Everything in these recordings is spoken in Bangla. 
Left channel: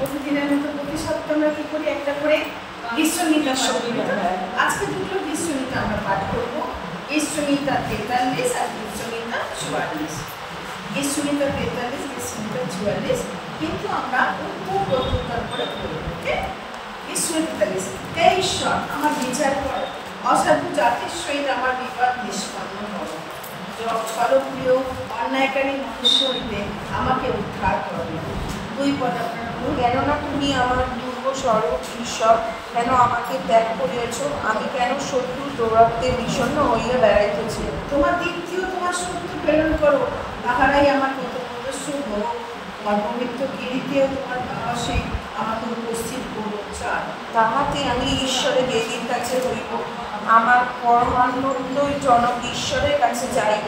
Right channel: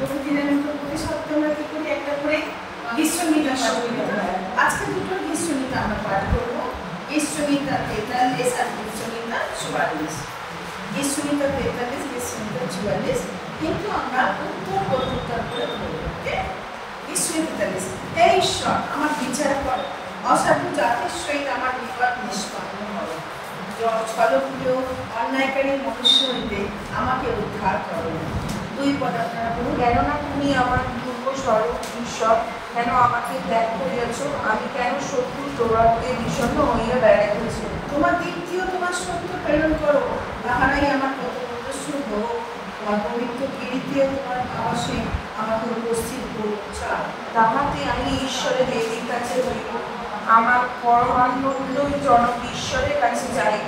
প্রতিদিনের মতো প্রতি সপ্তাহে আমরা কি করি একটা করে গীষ্মগীতা পাঠ করি। আজকে দুটো গীষ্মগীতা আমরা পাঠ করবো, গীষ্মগীতা 43 আর গীষ্মগীতা 44। গীষ্মগীতা 43, গীষ্মগীতা 44, কিন্তু আমরা উত্তর প্রত্যুত্তর করে পড়বো। ওকে, গীষ্মগীতা 43। হে ঈশ্বর, আমার বিচার করো, অসাধু জাতির সহিত আমার বিবাদ নিষ্পন্ন করো, ফলপ্রিয় অন্যায়কারী মনুষ্য হইতে আমাকে উদ্ধার করো। 2 পদ আপনারা বলুন। কেননা তুমি আমার দুর্গ স্বরূপ ঈশ্বর, কেন আমাকে ত্যাগ করিয়াছ? আমি কেন শত্রু দৌরাত্মে বিষণ্ণ হইয়া বেড়াইতেছি? তোমার দ্বিতীয় তোমার সত্য প্রেরণ করো, তাহারাই আমার প্রদর্শন হোক। আমার পবিত্র কীর্তিও তোমার ভাবাসে আমাকে উপস্থিত করো। তাহাতে আমি ঈশ্বরের বেদির কাছে হইব, আমার পরমানন্দের জনক ঈশ্বরের কাছে যাইব।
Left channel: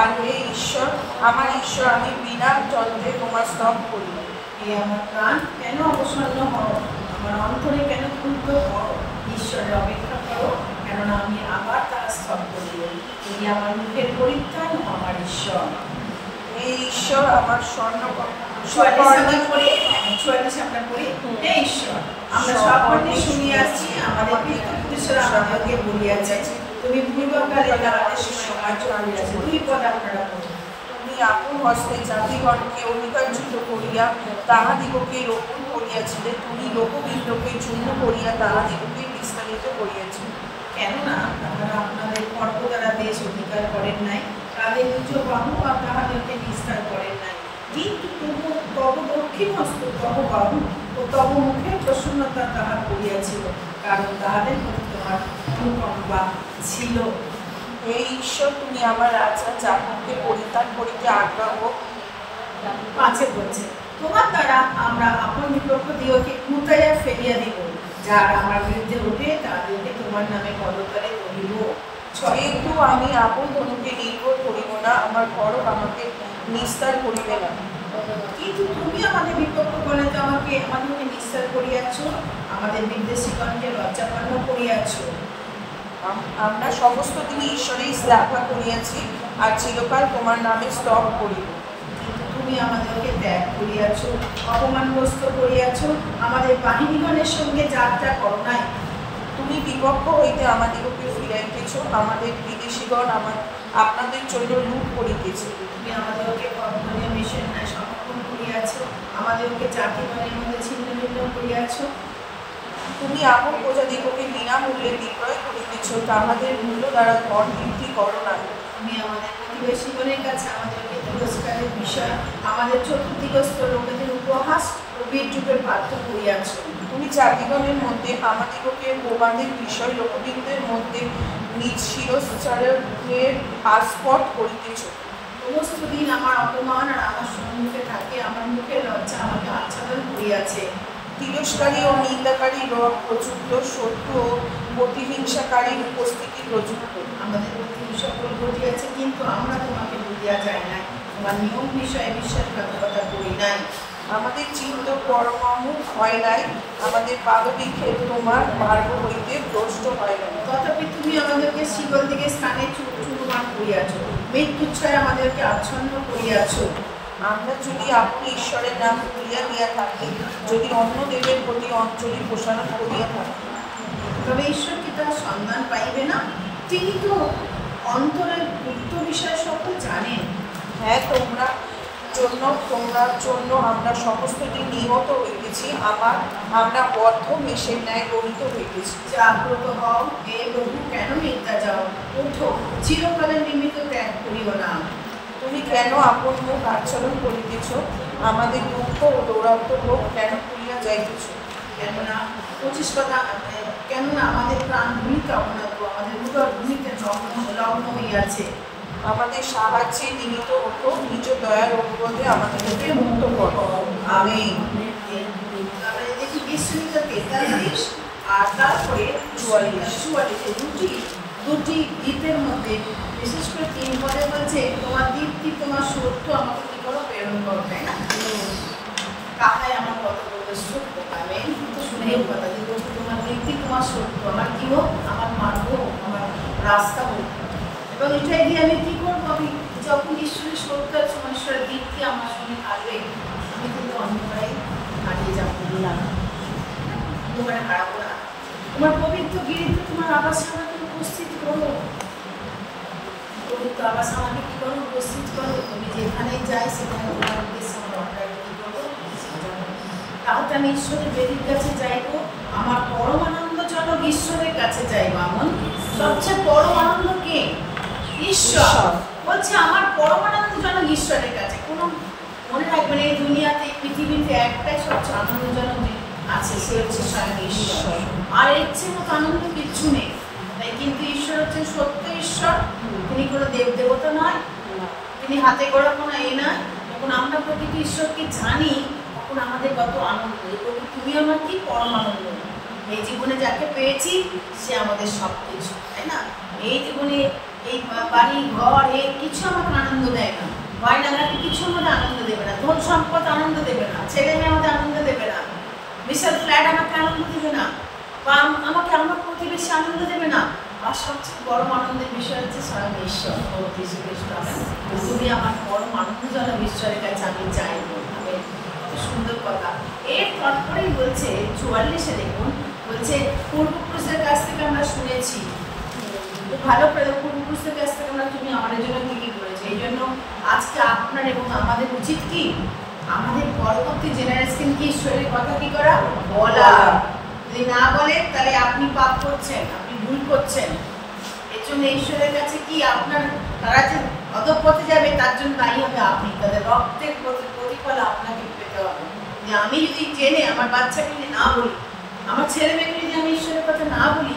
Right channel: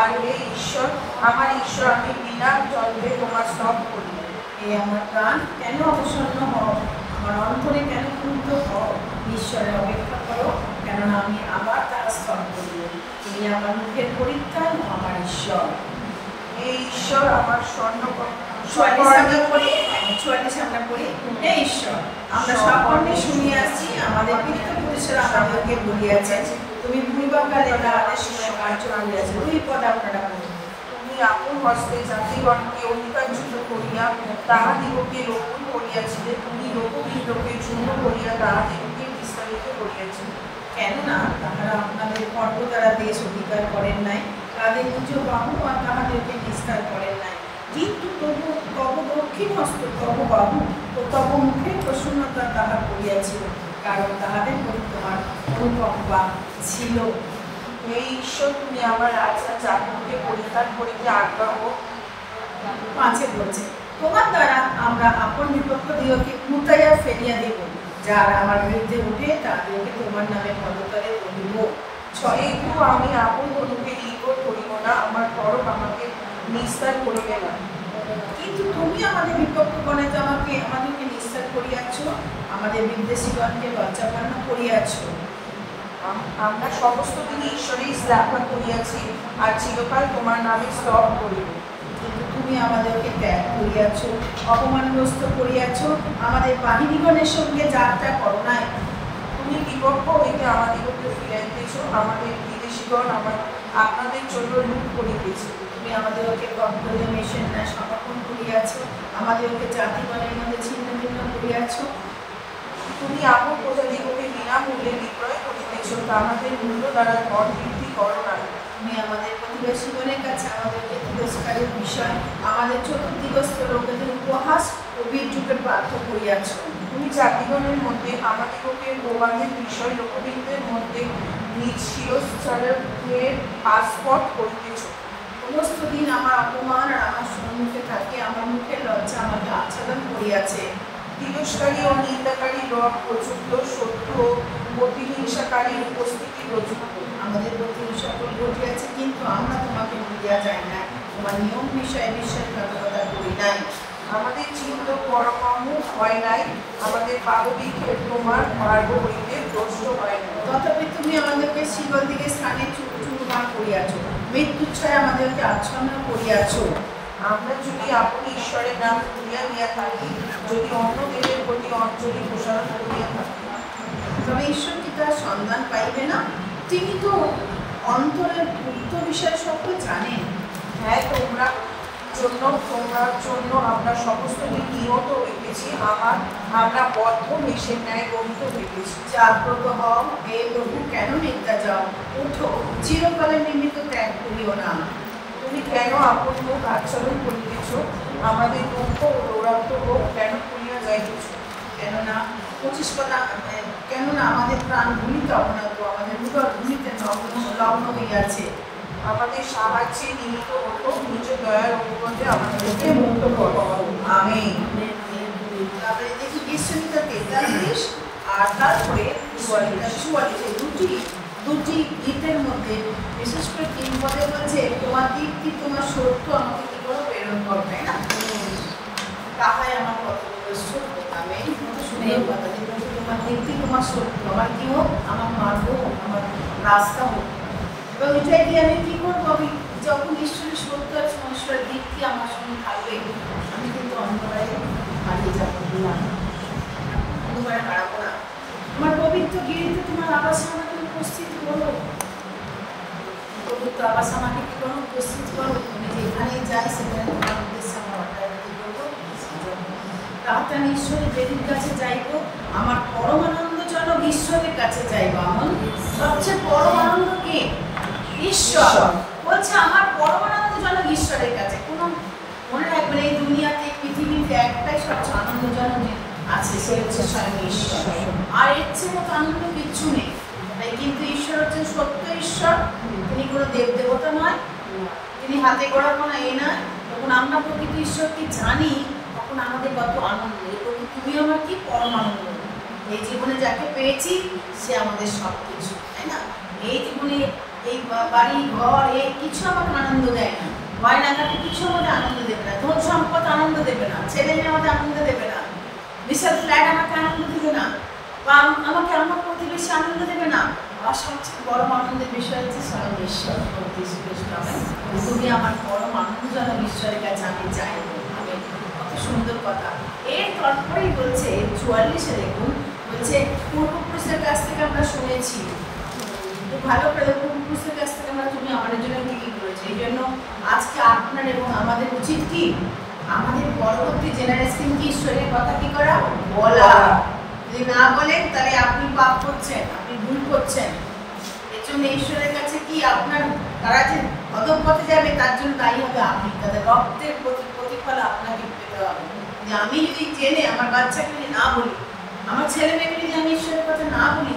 আর হে ঈশ্বর, আমার ঈশ্বর, আমি বিনা যন্ত্রে তোমার স্তব করিব। এই আমার প্রাণ কেন অবসন্ন হও, আমার অন্তরে কেন ক্ষুব্ধ হও? ঈশ্বরের অপেক্ষা করো, কেননা আমি আবার তাহার স্তব করিব। তিনি আমার মুখের পরিত্রাণ ও আমার ঈশ্বর। হে ঈশ্বর, আমার স্বর্ণ 44 আমরা পড়ি। হে ঈশ্বর, আমরা সকলে শুনিয়ে আসছি, আমাদের পিতৃপুরুষরা আমাদেরকে বলিয়াছেন, তুমি পূর্বকালে তাহাদের সময় কার্য করিয়াছ। 2 পদ আপনারা বলুন। তুমি আপন হস্তে জাতিগণকে অধিকারযুক্ত করিয়া তাহাদিগকে রক্ষণ করিয়াছিলে, তুমি লোকবৃন্দকে চূর্ণ করিয়া তাহাদিগকে বিস্তারিত করিয়াছিলে। কেননা তাহারা আপনাদের পর্ব দ্বারা দেশ অধিকার করেন নাই, তাদের নিজ বাহু আর তাহাদেরকে বিস্তার করেন নাই, কিন্তু তবু তব দক্ষিণ হস্ত, তব বাহু ও তব মুখের প্রসন্নতা তাহার করিয়াছিল, কারণ তাহাদের প্রতি তোমার অনুকম্পা ছিল। হে ঈশ্বর, তুমি আমার রাজা জাগরকে পরিত্যাগ করিতে আগ্রহ। 5 বলছে, তোমার দ্বারা আমরা আপন বিপক্ষ দিগকে লুটাইয়া ফেলিয়া দিব, যারা আমার বিরুদ্ধে উঠে তাদেরকে তোমার নামে পদতলে তুলিব। কিন্তু আমি আপন তোমাকে নির্ভর করিব না, আমার পরব আমাকে নিস্তার করিবে না। কিন্তু তুমি আমাদের বিপক্ষগণে আমাদেরকে নিস্তার করিয়াছ, আমাদের বিদ্বেষীগণকে লজ্জাপন্ন করিয়াছ। আমরা সমস্ত দিন ঈশ্বরেই স্থাপনা করিয়াছি, আর চিরকাল তোমার নামে স্তব করিব। কিন্তু তুমি আমাদেরকে ত্যাগ করিয়াছ, অপমানগ্রস্ত করিয়াছ, আমাদের বাহিনীগণের সঙ্গে যাত্রা করো নাই। তুমি বিপক্ষ হইতে আমাদিগকে ফিরাইতেছ, আমাদের বিদেশীগণ আপনাদের জন্য লুট করিতেছে। তুমি আমাদেরকে বদ্ধনীয় মেষের ন্যায় সমর্পণ করিয়াছ, আমাদেরকে জাতিগণের মধ্যে ছিন্ন ভিন্ন করিয়াছ। তুমি আপন প্রজাদিগকে বিনামূল্যে বিক্রয় করিতেছ, তাহাদের মূল্য দ্বারা কর বৃদ্ধি করো না। তুমি আমাদের প্রতিবেশীগণের কাছে আমাদেরকে তিরস্কারের বিষয়, আমাদের চতুর্দিগস্থ লোকেদের উপহাস ও বিদ্রূপের পাত্র করিয়াছ। তুমি জাতিগণের মধ্যে আমাদিগকে প্রবাদের বিষয়, লোকবৃন্দের মধ্যে নিজ শিরশ্চারের আস্পদ করিতেছ। সমস্ত দিন আমার অপমান আর আমার সম্মুখে থাকে, আমার মুখের লজ্জা আমাকে আচ্ছাদন করিয়াছে। তিরস্কারী ও নিন্দাকারী প্রযুক্ত, শত্রু ও প্রতিহিংসাকারীর উপস্থিতি প্রযুক্ত। আমাদের প্রতি সকল ঘটিয়াছে, কিন্তু আমরা তোমাকে ভুলিয়া যাই নাই, তোমার নিয়ম বিষয়ে বিশ্বাসঘাতকতা করি নাই। আমাদের চিত্ত কর্ম হয় নাই, আমাদের পাদবিক্ষেপ তোমার মার্গ হইতে ভ্রষ্ট হয় না। তথাপি তুমি আমাদেরকে শিকল দিকে স্থানে চূড়মান করিয়াছ, মৃত্যুচ্ছয়ে আমাদেরকে আচ্ছন্ন করিয়াছ। আমরা যদি আপন ঈশ্বরের নাম ভুলিয়া দিয়া থাকি, যদি অন্য দেবের প্রতি অঞ্জলি ঘোষণা করিয়া থাকি, তবে ঈশ্বর কি তার সন্ধান পাইবে না? তিনি তো অন্তরের গুপ্ত বিষয় সকল জানেন। হ্যাঁ, তোমরা জন্য আমরা সমস্ত দিন নিহত হইতেছি, আমরা বদ্ধ মেষের ন্যায় গ্রহিত হইতেছি। জাগ্রত হও, হে প্রভু, কেন নিদ্রা যাও? ওঠো, চিরকালের নিমিত্ত ত্যাগ করিও না। তুমি কেন আপন মুখ আচরণ করিতেছ? আমাদের দুঃখ ও দৌরাত্ম্য কেন করিয়া যাইতেছ? কেননা 25 কথা, কেননা আমাদের প্রাণ ভূমিতে অবনত, আমাদের উদর ভূমিতে লগ্ন হইয়াছে। আমাদের সাহায্যে নিমিত্ত উপর নিজ দয়ার অনুরোধে আমাদেরকে মুক্ত করো। আমেন। তারপরে দেখি গীষ্মগীতা 43 আর তারপরে 44, দুটি গীতের মধ্যে বিশেষ করে 3 পদে বলছে, তোমার দীপ্তি তোমার সত্য আমাকে কি করো, প্রেরণ করো, তাই না? তাহাই আমার কত সত্য। আমি শুনেও কথা যে তোমার দীপ্তি তোমার সত্য, আমার কি হোক, আমার মার্গ হোক, আমার রাস্তা হোক। এবং এটাই দিয়ে আমি কি করবো, আমি যখন ঈশ্বরের সত্য, ঈশ্বরের দীপ্তি আমার সঙ্গে থাকবে, আমি কিন্তু অন্ধকারে হারিয়ে যাবো। অন্ধকারে হারাবো না। তোমার পবিত্র গিরিতে তোমার আবাস আমাকে উপস্থিত করো, পবিত্র আবাস আমাকে কি করো, উপস্থিত করো। তুমি যেখানে যাই সেখানে তোমার উদ্দেশ্যে আমরা অগ্রগতি করবো। তাহলে আমি ঈশ্বরের বেদির কাছে যাইবো, আমার পরম আনন্দজনক ঈশ্বরের কাছে যাইবো। আমার সবচেয়ে পরম আনন্দ কে? ঈশ্বর। বলছে আমার পরম আনন্দজনক ঈশ্বরের কাছে। কোনো মনে রাখবেন এই দুনিয়াতে পৃথিবীতে একটাই সবচেয়ে আনন্দজনক আছে, সে হচ্ছে স্বয়ং ঈশ্বর। আর এর চেয়ে মতো আনন্দ কিচ্ছু নেই। তাই কিন্তু ঈশ্বর হচ্ছেন সত্য ঈশ্বর, তিনি কোনো দেব দেবতা নয়, তিনি হাতে গড়া কোনো এ নয়। যখন আমরা প্রকৃত ঈশ্বরকে জানি তখন আমাদের কত আনন্দ, যে প্রভু তুমি আমার কি পরম আনন্দ। এই জীবনে যাকে পেয়েছি সে আমাদের সব কিছু, তাই না? এই জীবনে এই বাড়ি ঘর এই কিছু আমাকে আনন্দ দেয় না, গয়নাঘাটে কিছু আমাদের আনন্দ দেবে না, ধন সম্পদ আনন্দ দেবে না, ছেলে মেয়ে আমাদের আনন্দ দেবে না, বিশাল ফ্ল্যাট আমাকে আনন্দ দেবে না, বা আমাকে আমার প্রতিবেশী আনন্দ দেবে না। আমার সবচেয়ে বড় আনন্দের বিষয় হচ্ছে স্বয়ং ঈশ্বর, যীশু খ্রিস্ট। তুমি আমার পরম আনন্দজনক ঈশ্বরের কাছে আমি চাইব। কত সুন্দর কথা। এর তারপরেই বলছে 44-এ দেখুন, বলছে পূর্বপুরুষের কাছ থেকে আমরা শুনেছি, ভালো করে পূর্বপুরুষের কাছ থেকে আমরা তুমি আমাদের জন্য কি কি করেছো। এই জন্য আজকে আপনার এবং আমাদের উচিত কি, আমাদের পরবর্তী জেনারেশন কি ঈশ্বরের কথা কি করা, বলা। যদি না বলেন তাহলে আপনি পাপ করছেন, আপনি ভুল করছেন। এর জন্য ঈশ্বরের কাছে কি আপনার, তারা যে অধঃপথে যাবে তার জন্য দায়ী হবে আপনি, তাদের রক্তের প্রতিফল আপনাকে পেতে হবে। যে আমি যদি জেনে আমার বাচ্চাকে যদি না বলি, আমার ছেলে মেয়েকে যদি আমি ঈশ্বরের কথা না বলি,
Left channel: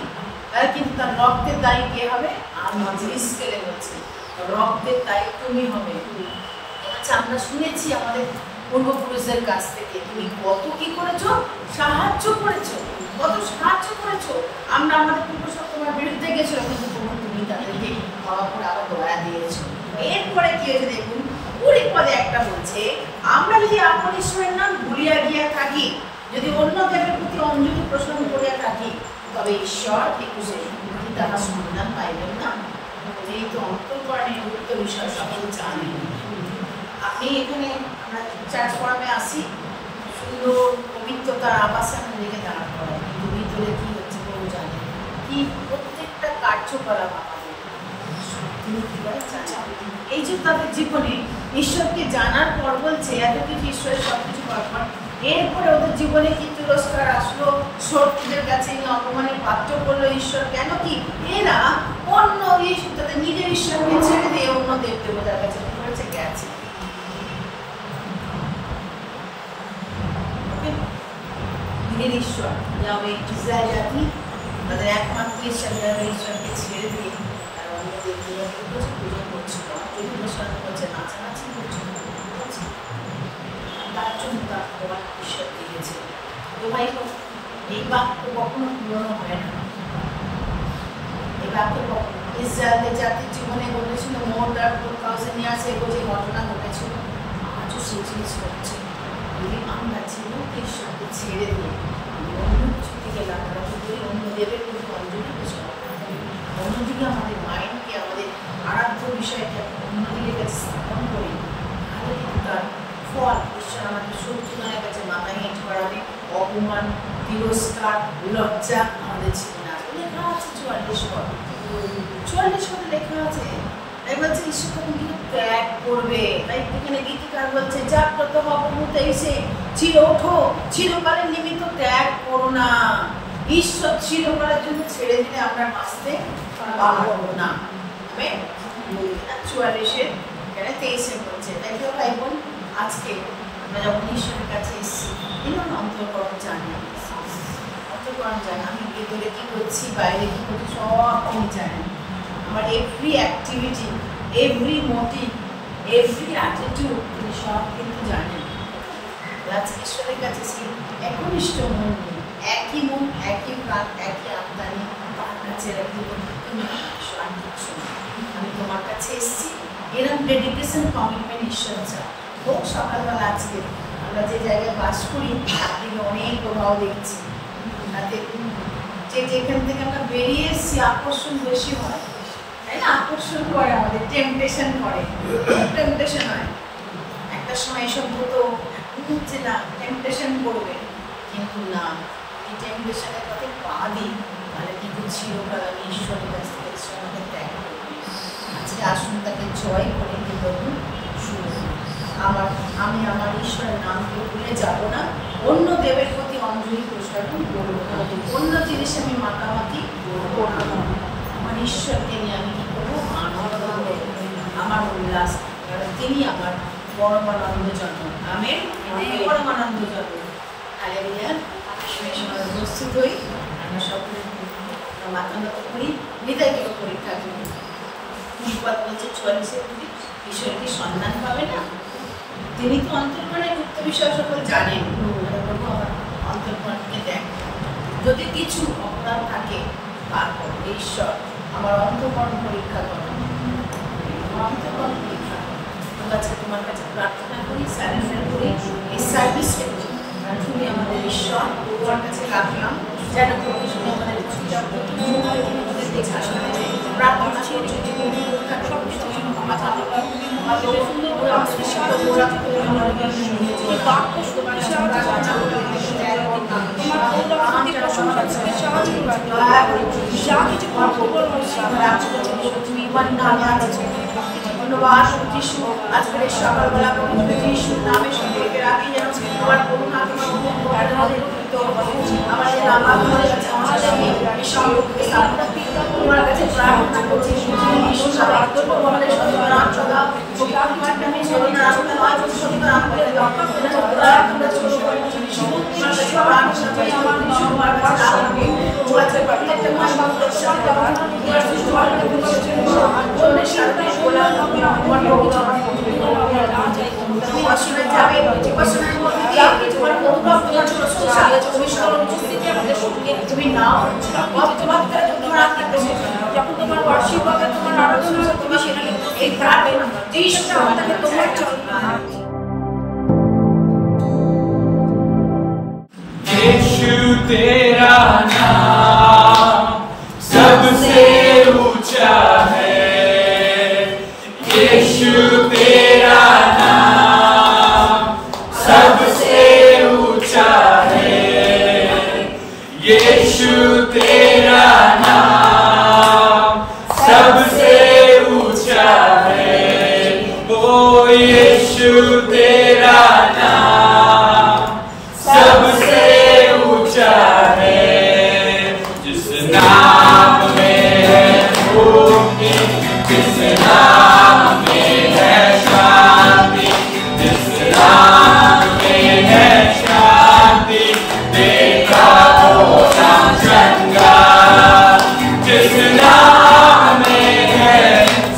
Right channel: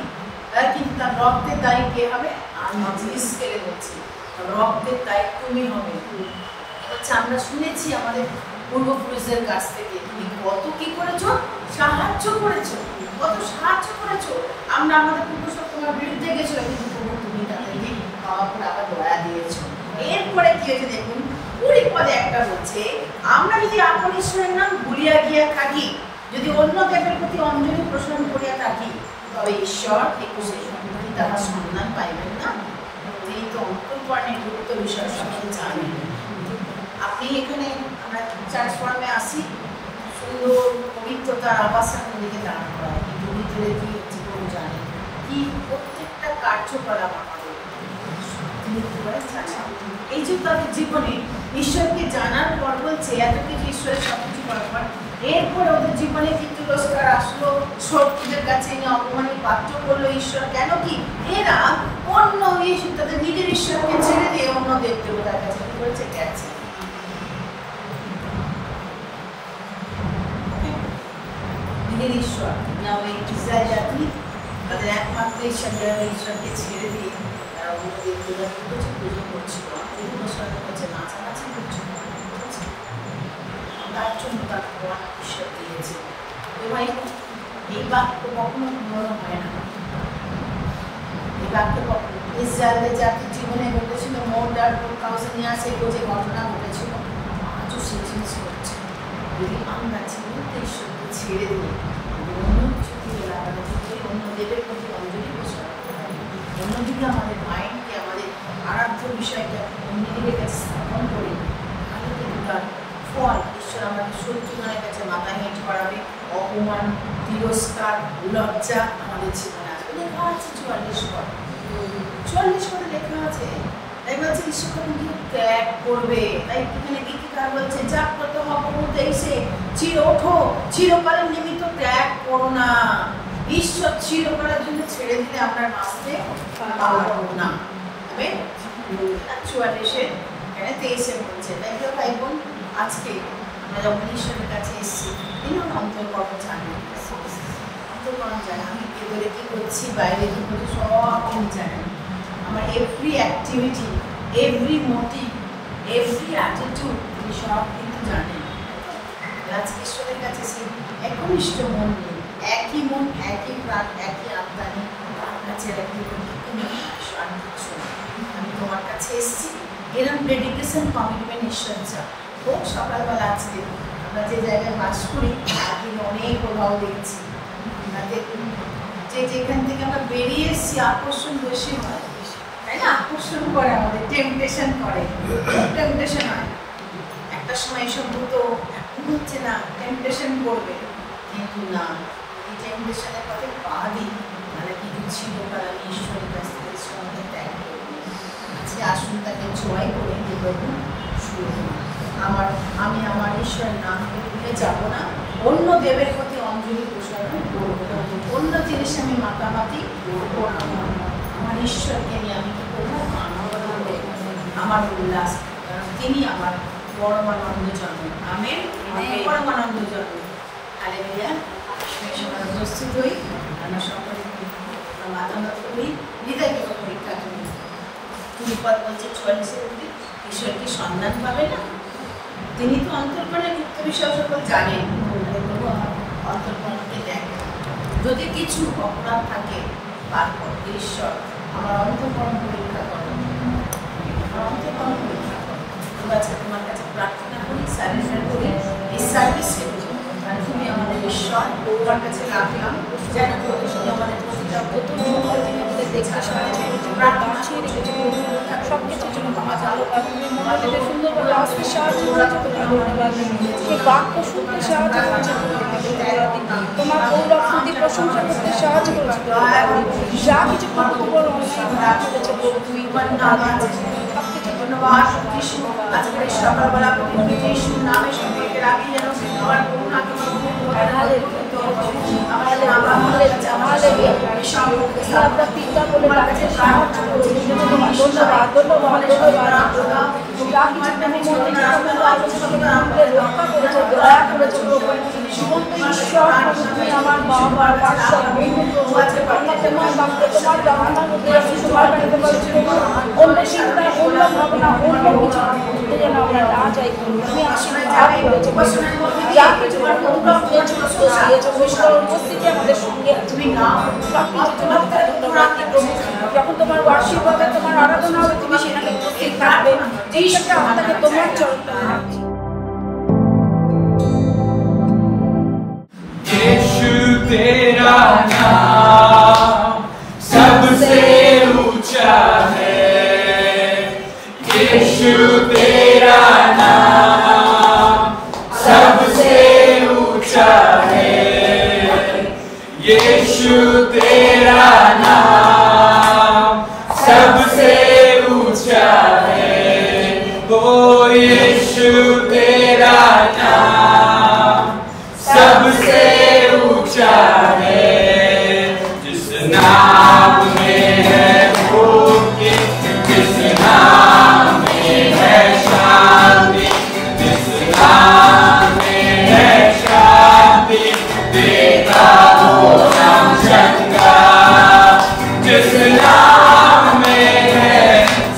তার কিন্তু তার রক্তের দায়ী কে হবে? আমি স্কেলে বলছি রক্তের দায়ী তুমি হবে। বলছে আমরা শুনেছি আমাদের পূর্বপুরুষের কাছ থেকে তুমি কত কি করেছো, সাহায্য করেছো, কত সাহায্য করেছো। আমরা আমাদের পূর্বপুরুষ তোমার বিরুদ্ধে গেছিলাম, কিন্তু তুমি তাদেরকে ক্ষমা করে আবার দয়া দিয়েছো। এরপরে কি হয়েছে দেখুন, 20 পদে একটা বলছে, আমরা যদি আপন ঈশ্বরের নাম ভুলিয়া গিয়া থাকি, যদি অন্য দেবের প্রতি অঞ্জলি প্রসন্ন করিয়া থাকি, তবে ঈশ্বর 21 কি তাহার সন্ধান পাইবেন না। এই তো অন্তর্করণের গুরুত্ব বিষয় সকলে জানেন। আপনি এখানে আমরা চার্চ ফর্মে আসি, সুন্দর পবিত্রতার আবাসে আমাদেরকে দাঁড় করা, কিন্তু ভিতরে কি হচ্ছে কেউ জানে কি, প্রত্যেকটা কার্যকলাপ আমাদের এই যে তাদের জীবনে ঈশ্বরকে জানার পর বলছে এত কিছু ঈশ্বরের সবকিছু পাওয়ার পর এরপরে ওদের জীবনে কি তিরস্কার আসলো, শত্রুদের কাছে অপমানের পাত্র করলো ঈশ্বর। কেন কি এরা অন্য তাদের নিজের ঈশ্বরকে ছেড়ে দিয়ে অন্য দেব দেবতার কাছে কি করেছে, গেছে। নিজের ঈশ্বর যাবে ইসরায়েল জাতি তাদের একমাত্র ঈশ্বর যাবে ঈশ্বরকে ছেড়ে দিয়ে তারা অন্য দেব দেবতাকে করছে, পুজো করছিল, করছে, নাচানাচি করছিল, তার জন্য তার ভগবান ঈশ্বর দিয়েছে। ভাই এই বাক্য কখনো পূরণ হয় না। এই বাক্য কখনো ইসরায়েলের জাতির জীবনে ঘটেছিল, মোর দ্যান 4000 ইয়ার্স এগো যে ঘটনা ঘটেছিল, আজও সেই জিনিস হচ্ছে। যদি আমরা জীবনকে ঈশ্বরকে ছেড়ে দিয়ে অন্য কিছু দিকে লাগালাগি করি, অন্য দেবের প্রতি অঞ্জলি বসে অন্যদিকে আমাদের মাইন্ডকে, আমাদের আরাধ্য বিষয়কে অন্যদিকে স্থাপন করি, তাহলে কিন্তু তার ফল ঈশ্বর আমাদের শত্রুগণের কাছে মাথা হেঁট করাবে, অপমান, তিরস্কার, লজ্জা আমাদের জীবনে আসবে। লেখা আছে 44 পদে লেখা আছে। তাই বলছে ঈশ্বর কিন্তু ত্যাগ করবে। তাই এখানে গীতিকার বলছে যা প্রথম অপমুহূর্তে এসে ওঠো, চিরকালের নিমিত্ত ত্যাগ করো না। ঈশ্বর চিরকালের জন্য ছেড়ে দিলে আমরা বাঁচতে পারবো না। আমেন। 44 এখানে 23 বলছে। তাই তো ভাই বোন, আজকে আমরা যখন ঈশ্বরের কাছে এসেছি, তিনি আমার অন্তর্কর্ম জানেন, অন্তর্কর্ম জানেন আমি ভেতরে কি করছি, বাইরে কি করছি, সব তিনি জানেন। আমার every activity, every motive, every attitude তিনি সব কিন্তু জানেন। আজকে ঈশ্বরের কাছে সেই একনিষ্ঠ মন নিয়ে, একই মন, একই প্রাণ, একই আমদানি তার কাছে রাখি, তুমি আমি তোমার কাছে এসেছি। এরকম ডেডিকেশন, কমিটমেন্ট ঈশ্বর চাও। খুব সকালবেলা আজকে আমরা যে জায়গায় বাস করি তার দিকে অনেক প্রভাব দেখছি। তাদের যে যেখান থেকে আমরা বেরিয়ে এসেছি আকর্ষণ বেশি হয়, তাই না? আকর্ষণ করে আমাদের, টেম্পটেশন করে, টেম্পটেশন হয়। একটা সময় এসব হতো, এখন হচ্ছে না, টেম্পটেশন করবে। কিন্তু না, এটার সাথে কথা পা দিই তাহলে কিন্তু চিরকাল আমি ঈশ্বরের কাছ থেকে আমাকে ত্যাগ করবি। আজকে আসুন তাকে জয় করে দেব শুরু। আমি আমার ঈশ্বরের নামকে ভুলে যাব না, অন্য দেবের প্রতি অঞ্জলি প্রসারণ করবো না, অন্য জিনিস আমি মাতামাতি করবো না। আমার ঈশ্বরকে নিয়ে আমি কি করবো? আনন্দ করবো, আমার উল্লাস, কারণ তিনি আমার পরমানন্দ জন্ম। আমেন, পরমানন্দ জন্ম। হালেলুয়া। আমরা প্রস্তুত হই, আমরা সকলে মাথা নত করি, হৃদয়কে পরীক্ষা করি। বিপদ বলছে 44-এর মধ্যে ঈশ্বর কি সন্ধান পাবে না? তিনি তো অন্তর্মনের গুপ্ত বিষয় সকল জানেন। আমার অন্তর্মনকে দেখ, যদি কিছু অপরাধ থাকে বার করবে ঈশ্বর, আমার অন্তর্মন পরীক্ষা করো, আমার অন্তর্মন পরীক্ষা করো। আজকে তোমার কাছে প্রার্থনা করি, সারেন্ডার করি, এই সার্ভিসে তুমি আমাদের ঈশ্বর তোমার কাছে রাখলাম, যেন প্রভু আমাদের প্রতিটা দেখাশোনা প্রার্থনা করছি তুমি সমস্ত কিছু ক্ষমা চালু ধন্যবাদ যিশু। আজকের এই সকালবেলা পবিত্র যিশুর নামে সকলকে রাখি, যেন তোমার করুণা তোমার আমাদের বাবা মার কাছে আমাদের এই সম্পর্কে তোমার কাছে প্রার্থনা করছি। যিশুর নামে তোমাদের সর্বদা দাও, তোমার নামে সর্বদা রাস্তা নয়, সর্বদা আমাদের দাও। আমরা ছোট করে যিশু তোমার কাছে প্রার্থনা করি, আমার বাবার কাছে রাখবো। ও আছে প্রত্যেকটা মানুষ তোমার সাথে অন্যের সাথে বলা উপাসনায় যাবে, উপাসনার মধ্যে দিয়ে তোমার অনুগ্রহ তোমার প্রশংসা তুমি নাও, যখন তোমার বার্ষিক হবে তোমার আরাধনা তোমাকে এই প্রার্থনা যিশু তোমার यीशु तेरा नाम सबसे ऊंचा है, यीशु तेरा नाम सबसे ऊंचा है, यीशु तेरा नाम सबसे ऊंचा है, ओ यीशु तेरा नाम सबसे ऊंचा है। जिस नाम में है मुक्ति, जिस नाम में है शांति, जिस नाम में है शांति, देता वो नाम चंगा, जिस नाम में है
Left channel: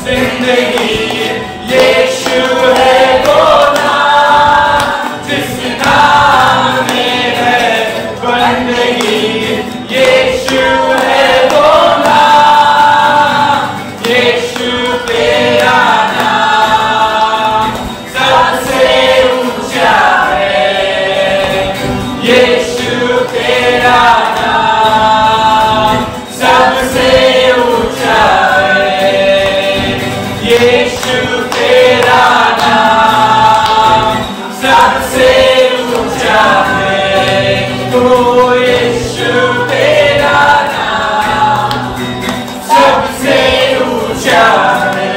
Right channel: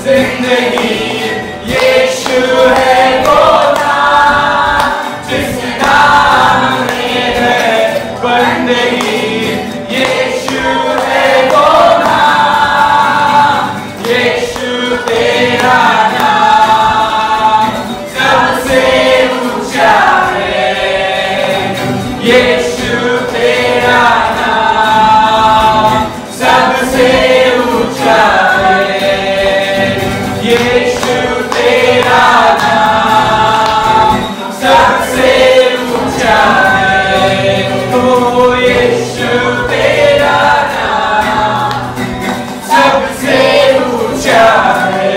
जिंदगी, यीशु है वो नाम, जिस नाम में है बंदगी, यीशु है वो नाम, यीशु तेरा नाम सबसे ऊंचा है, यीशु तेरा नाम सबसे ऊंचा है, यीशु तेरा नाम सबसे ऊंचा है, ओ यीशु तेरा नाम सबसे ऊंचा है।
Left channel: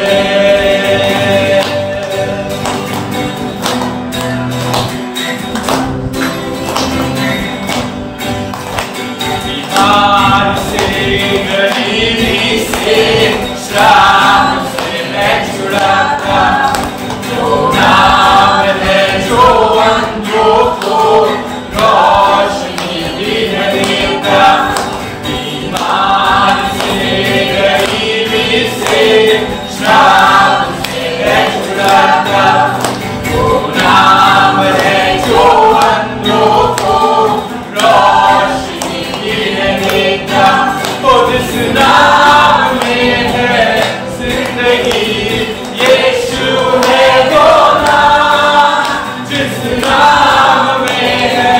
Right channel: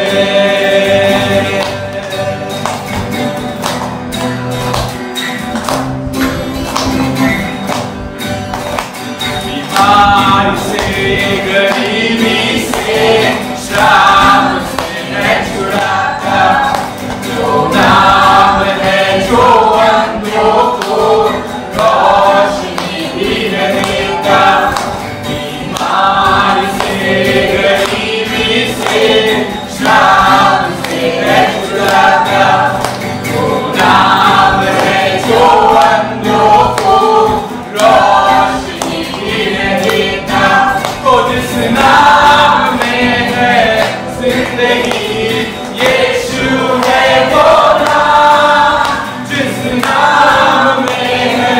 बीमारी से, गरीबी से, श्राप से है छुड़ाता, वो नाम है जो अंधों को रोशनी है देता। बीमारी से, गरीबी से, श्राप से है छुड़ाता, वो नाम है जो अंधों को रोशनी है देता। ओ जिस नाम में है जिंदगी, यीशु है वो नाम, जिस नाम में है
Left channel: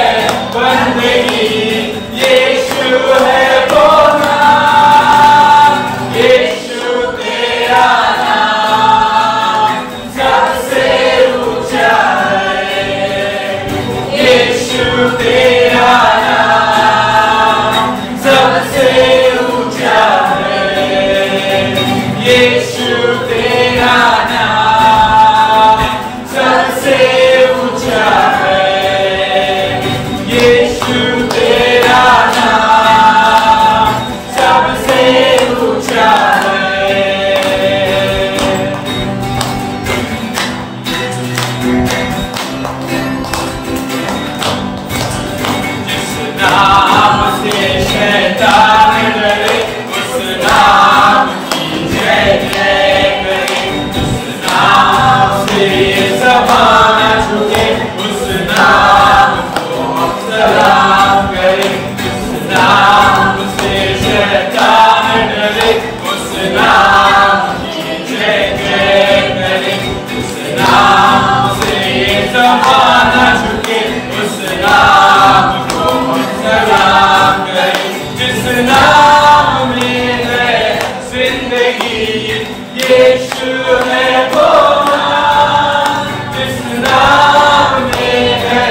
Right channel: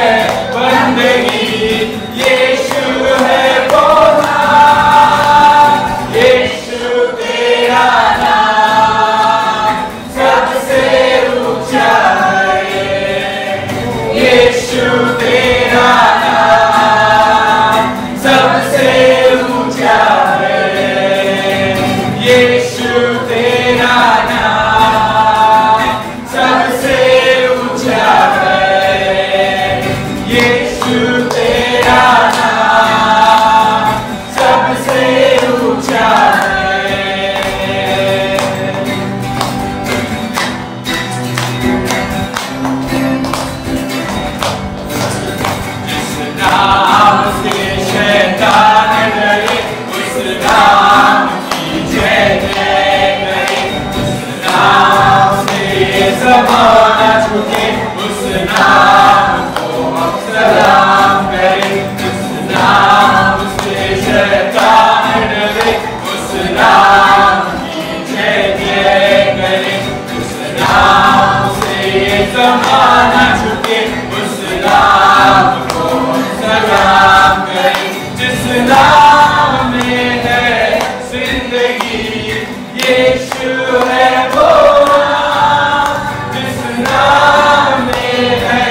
नाम में है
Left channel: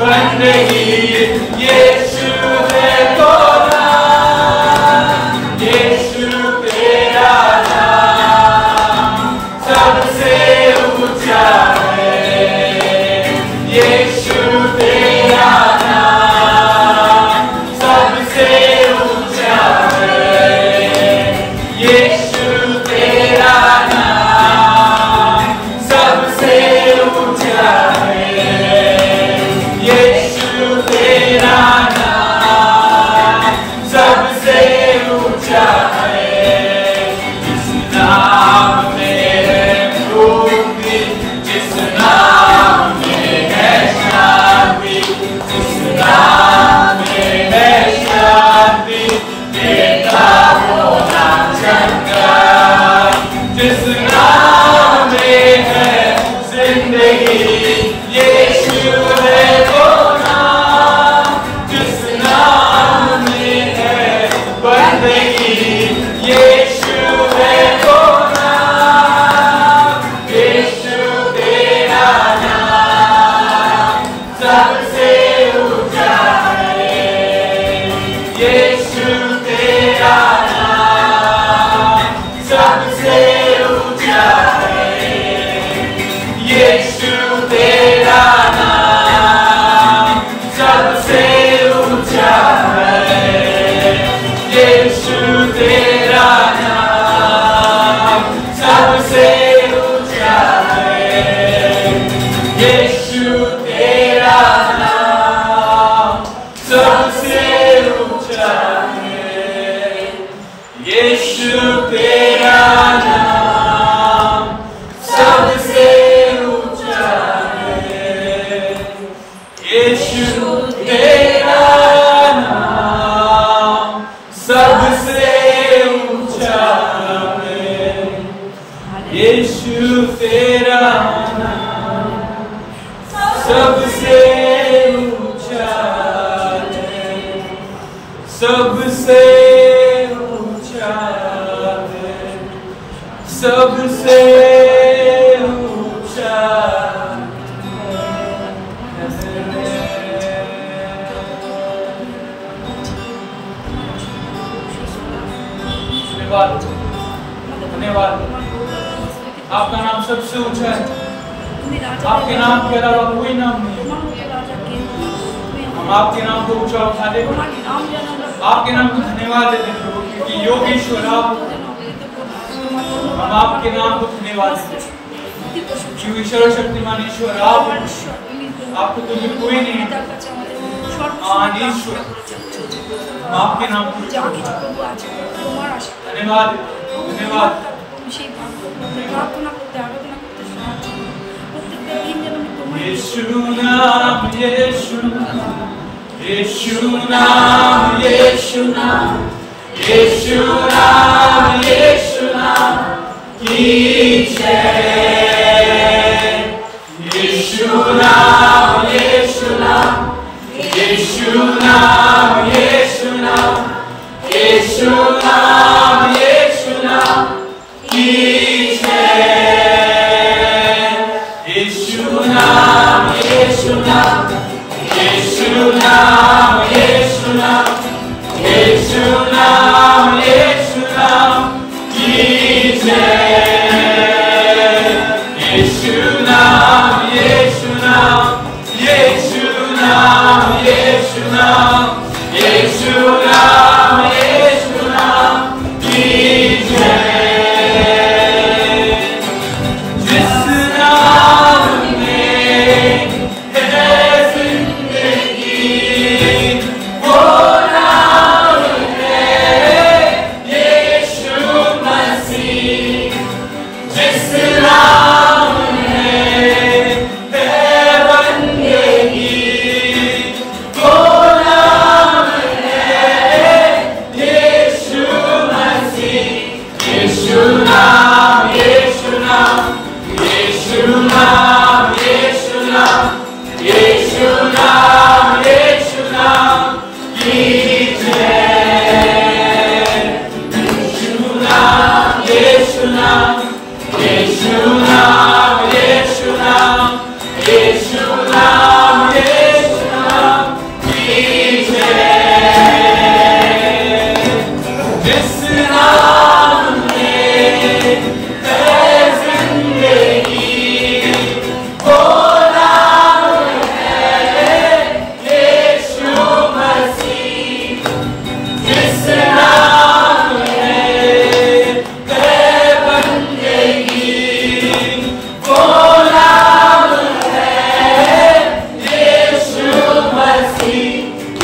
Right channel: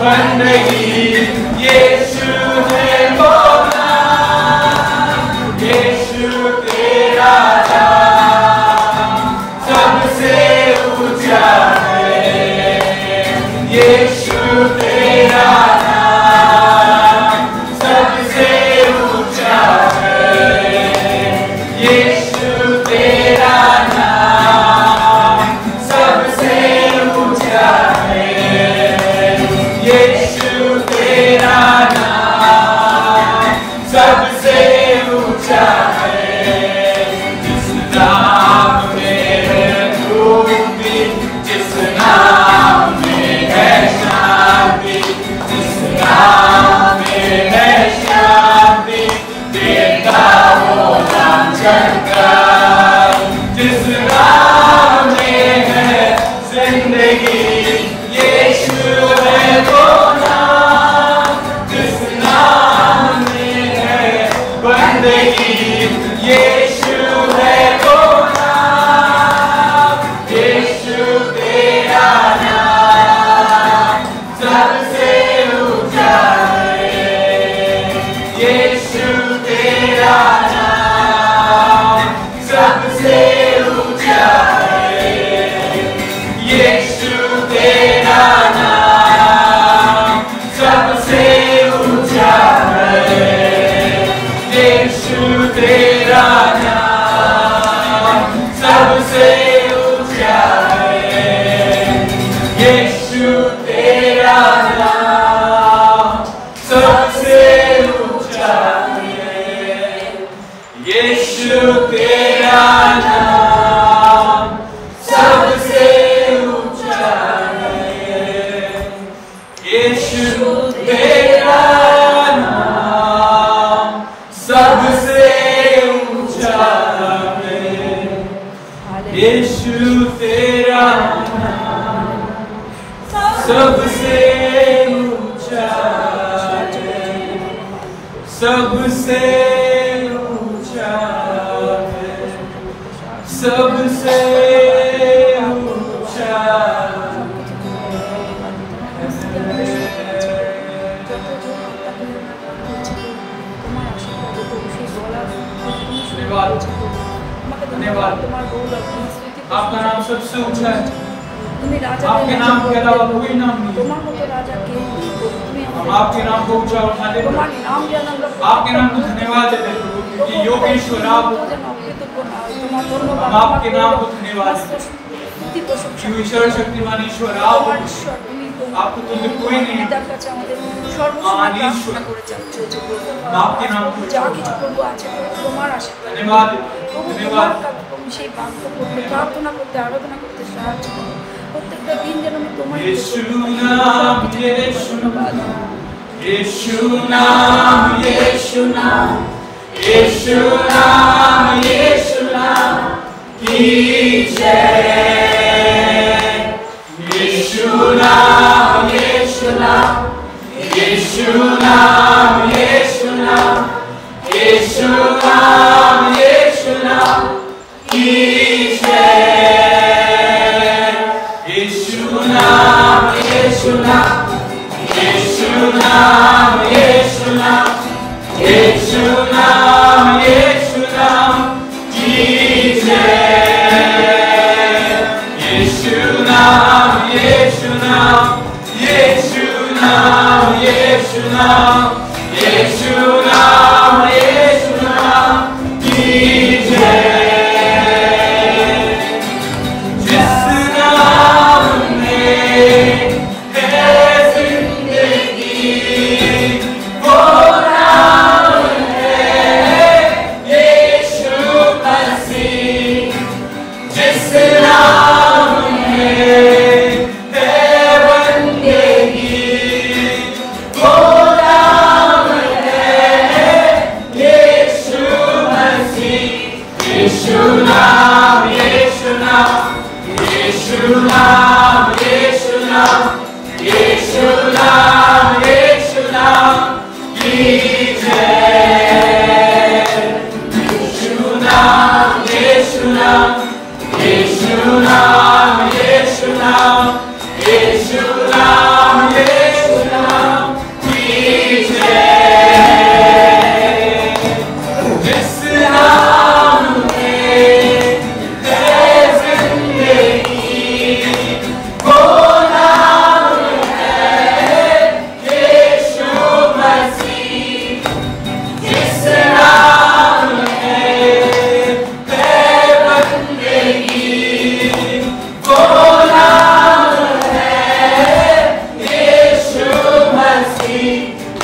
बंदगी, यीशु है तो नाम, यीशु तेरा नाम सबसे ऊंचा है, यीशु तेरा नाम सबसे ऊंचा है, यीशु तेरा नाम सबसे ऊंचा है, यीशु तेरा नाम सबसे ऊंचा है। जिस नाम में है मुक्ति, जिस नाम में है शांति, जिस नाम में है शांति, देता वो नाम चंगा, जिस नाम में है जिंदगी, यीशु है वो नाम, जिस नाम में है बंदगी, यीशु है वो नाम, यीशु तेरा नाम सबसे ऊंचा है, यीशु तेरा नाम सबसे ऊंचा है, यीशु तेरा नाम सबसे ऊंचा है, यीशु तेरा नाम सबसे ऊंचा है, यीशु तेरा नाम सबसे ऊंचा है, यीशु तेरा नाम सबसे ऊंचा है, यीशु तेरा नाम सबसे ऊंचा है, यीशु तेरा नाम सबसे ऊंचा है, सबसे ऊंचा है, सबसे ऊंचा धन्यवाद, धन्यवाद। आपका नाम सबसे ऊंचा है, आपके नाम के अलावा कोई नाम नहीं है। हम आपके नाम को ऊंचा उठाते प्रभु, आपके नाम को धन्यवाद देते प्रभु, क्योंकि योगेश्वर आप हो। हम आपके नाम को धन्यवाद देते, क्योंकि सर्वशक्तिमान ईश्वर आप हो, आपको तुल्य कोई नहीं है। महान ईश्वर, हम आपके नाम को ऊंचा उठाते, धन्यवाद, धन्यवाद। यीशु नाम, यीशु नाम, यीशु नाम, यीशु नाम, यीशु नाम, यीशु नाम की जय। यीशु नाम, यीशु नाम, यीशु नाम, यीशु नाम, यीशु नाम, यीशु नाम की जय। यीशु नाम, यीशु नाम, यीशु नाम, यीशु नाम, यीशु नाम, यीशु नाम की जय। यीशु नाम, यीशु नाम, यीशु नाम, यीशु नाम, यीशु नाम, यीशु नाम की जय। जिस नाम में है जिंदगी, वो नाम है यीशु मसीह। जिस नाम में है बंदगी, वो नाम है यीशु मसीह। यीशु नाम, यीशु नाम, यीशु नाम, यीशु नाम, यीशु नाम की जय। जिस नाम में है जिंदगी वो नाम है यीशु मसीह। जिस नाम में है बंदगी वो नाम है यीशु मसीह।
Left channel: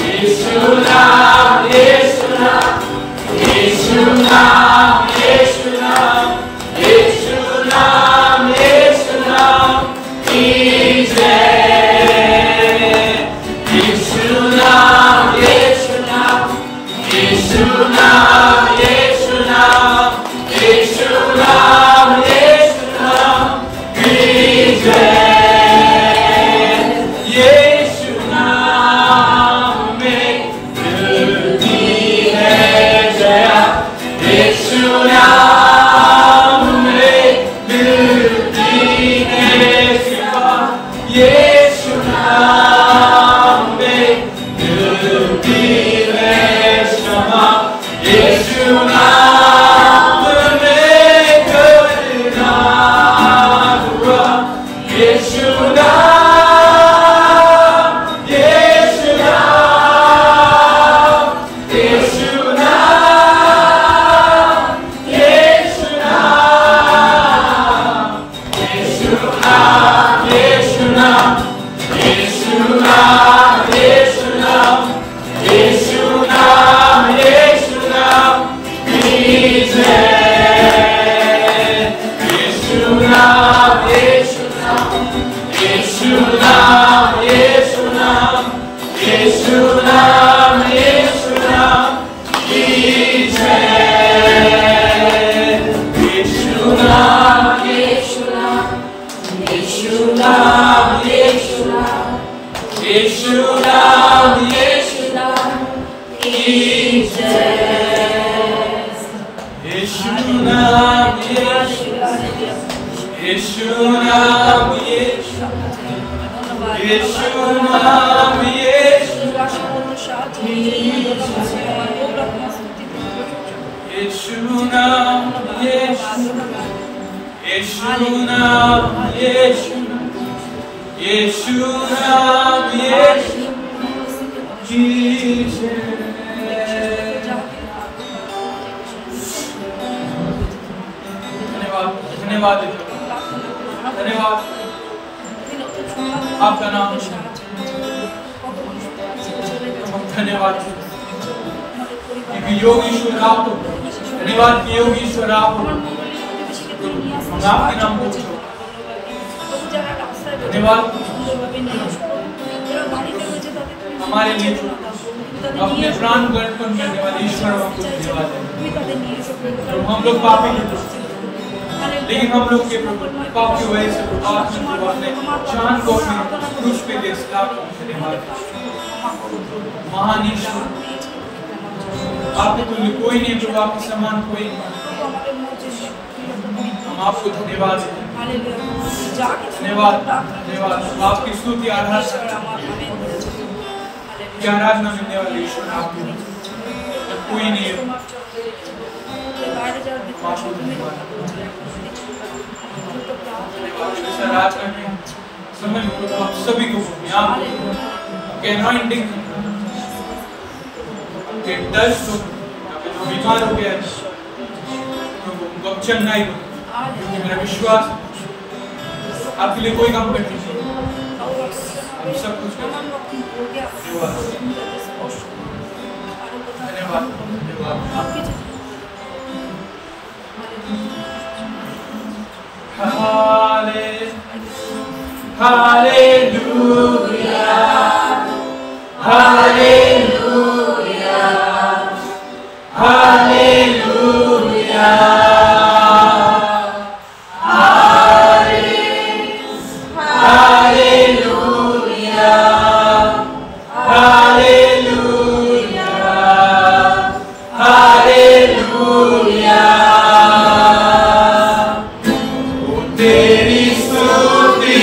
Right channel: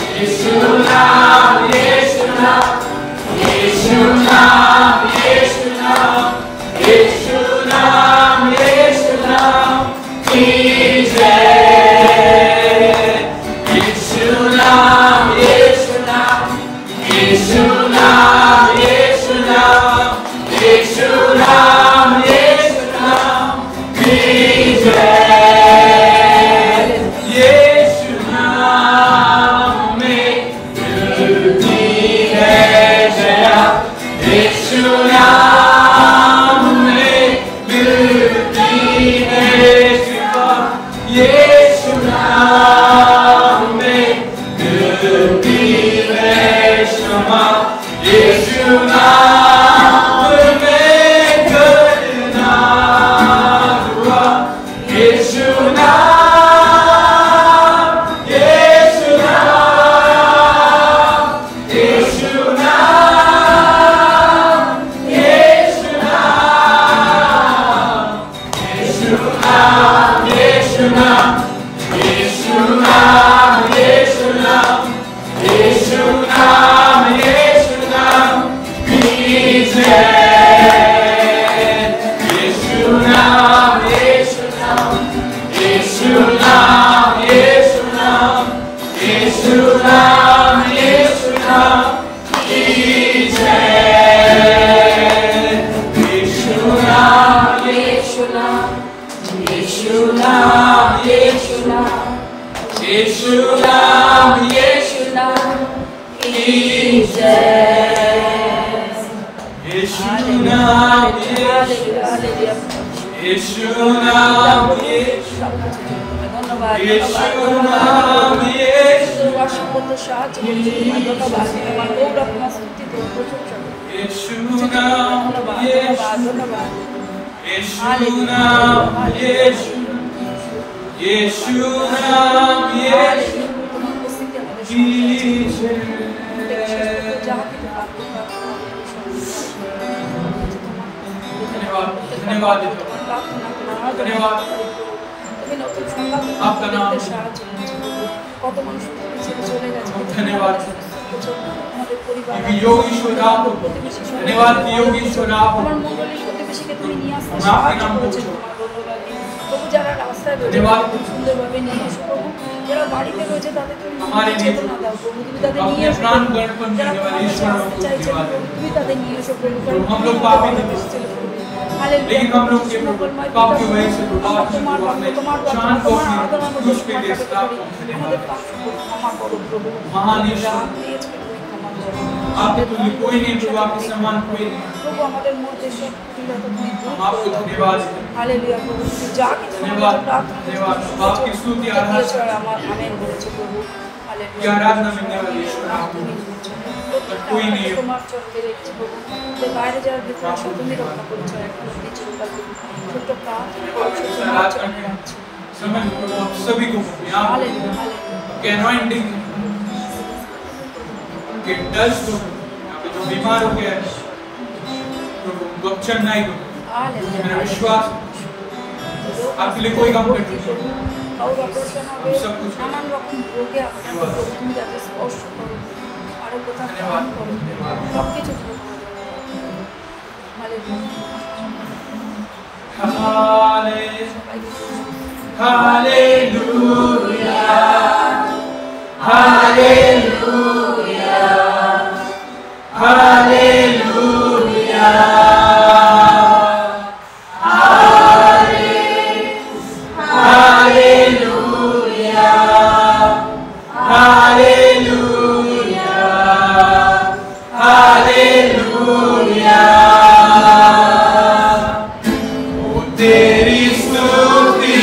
यीशु नाम यीशु नाम यीशु नाम यीशु नाम यीशु नाम यीशु नाम की जय। यीशु नाम यीशु नाम यीशु नाम यीशु नाम यीशु नाम यीशु नाम की जय। यीशु नाम में मिलती है जया। यीशु नाम में मिलती है कृपा। यीशु नाम में मिलती है क्षमा। यीशु नाम में करना दुआ। यीशु नाम यीशु नाम यीशु नाम यीशु नाम यीशु नाम यीशु नाम यीशु नाम यीशु नाम यीशु नाम यीशु नाम की जय। यीशु नाम यीशु नाम यीशु नाम यीशु नाम यीशु नाम यीशु नाम की जय। यीशु नाम यीशु नाम यीशु नाम यीशु नाम यीशु नाम यीशु नाम की जय। यीशु नाम यीशु यीशु नाम यीशु यीशु नाम यीशु यीशु नाम यीशु यीशु नाम यीशु यीशु नाम यीशु की जय। धन्यवाद धन्यवाद धन्यवाद। आपका नाम धन्यवाद कि योगीश्वर आप हो। धन्यवाद कि योगीश्वर आप हो। हम आपके नाम को धन्यवाद हमारे लिए अपने प्राण को अर्पण करने वाले ईश्वर को धन्यवाद है। तो हम लोग पापी थे लेकिन हम लोग के पाप की वजह से प्रभाव अपने जान को अपने क्रूस पे दे धन्यवाद। महान ईश्वर आपके तुल्य कोई नहीं प्रभु। आपके समान कोई नहीं। हम आपको धन्यवाद धन्यवाद धन्यवाद। आपकी स्तुति आराधना मिलने वाले ईश्वर आप और कोई नहीं है। आराधना के समय में प्रभु आप सभी को यहाँ आपके अनॉइंटिंग आपके टच दो। यहाँ पे जो बीमार हो गया है प्रभु उनको चंगाई दो क्योंकि मेरा विश्वास आपके लिए कोई काम करते हम सब कुछ करें। धन्यवाद धन्यवाद। Hallelujah, hallelujah, hallelujah, hallelujah, hallelujah, hallelujah। तेरी स्तुति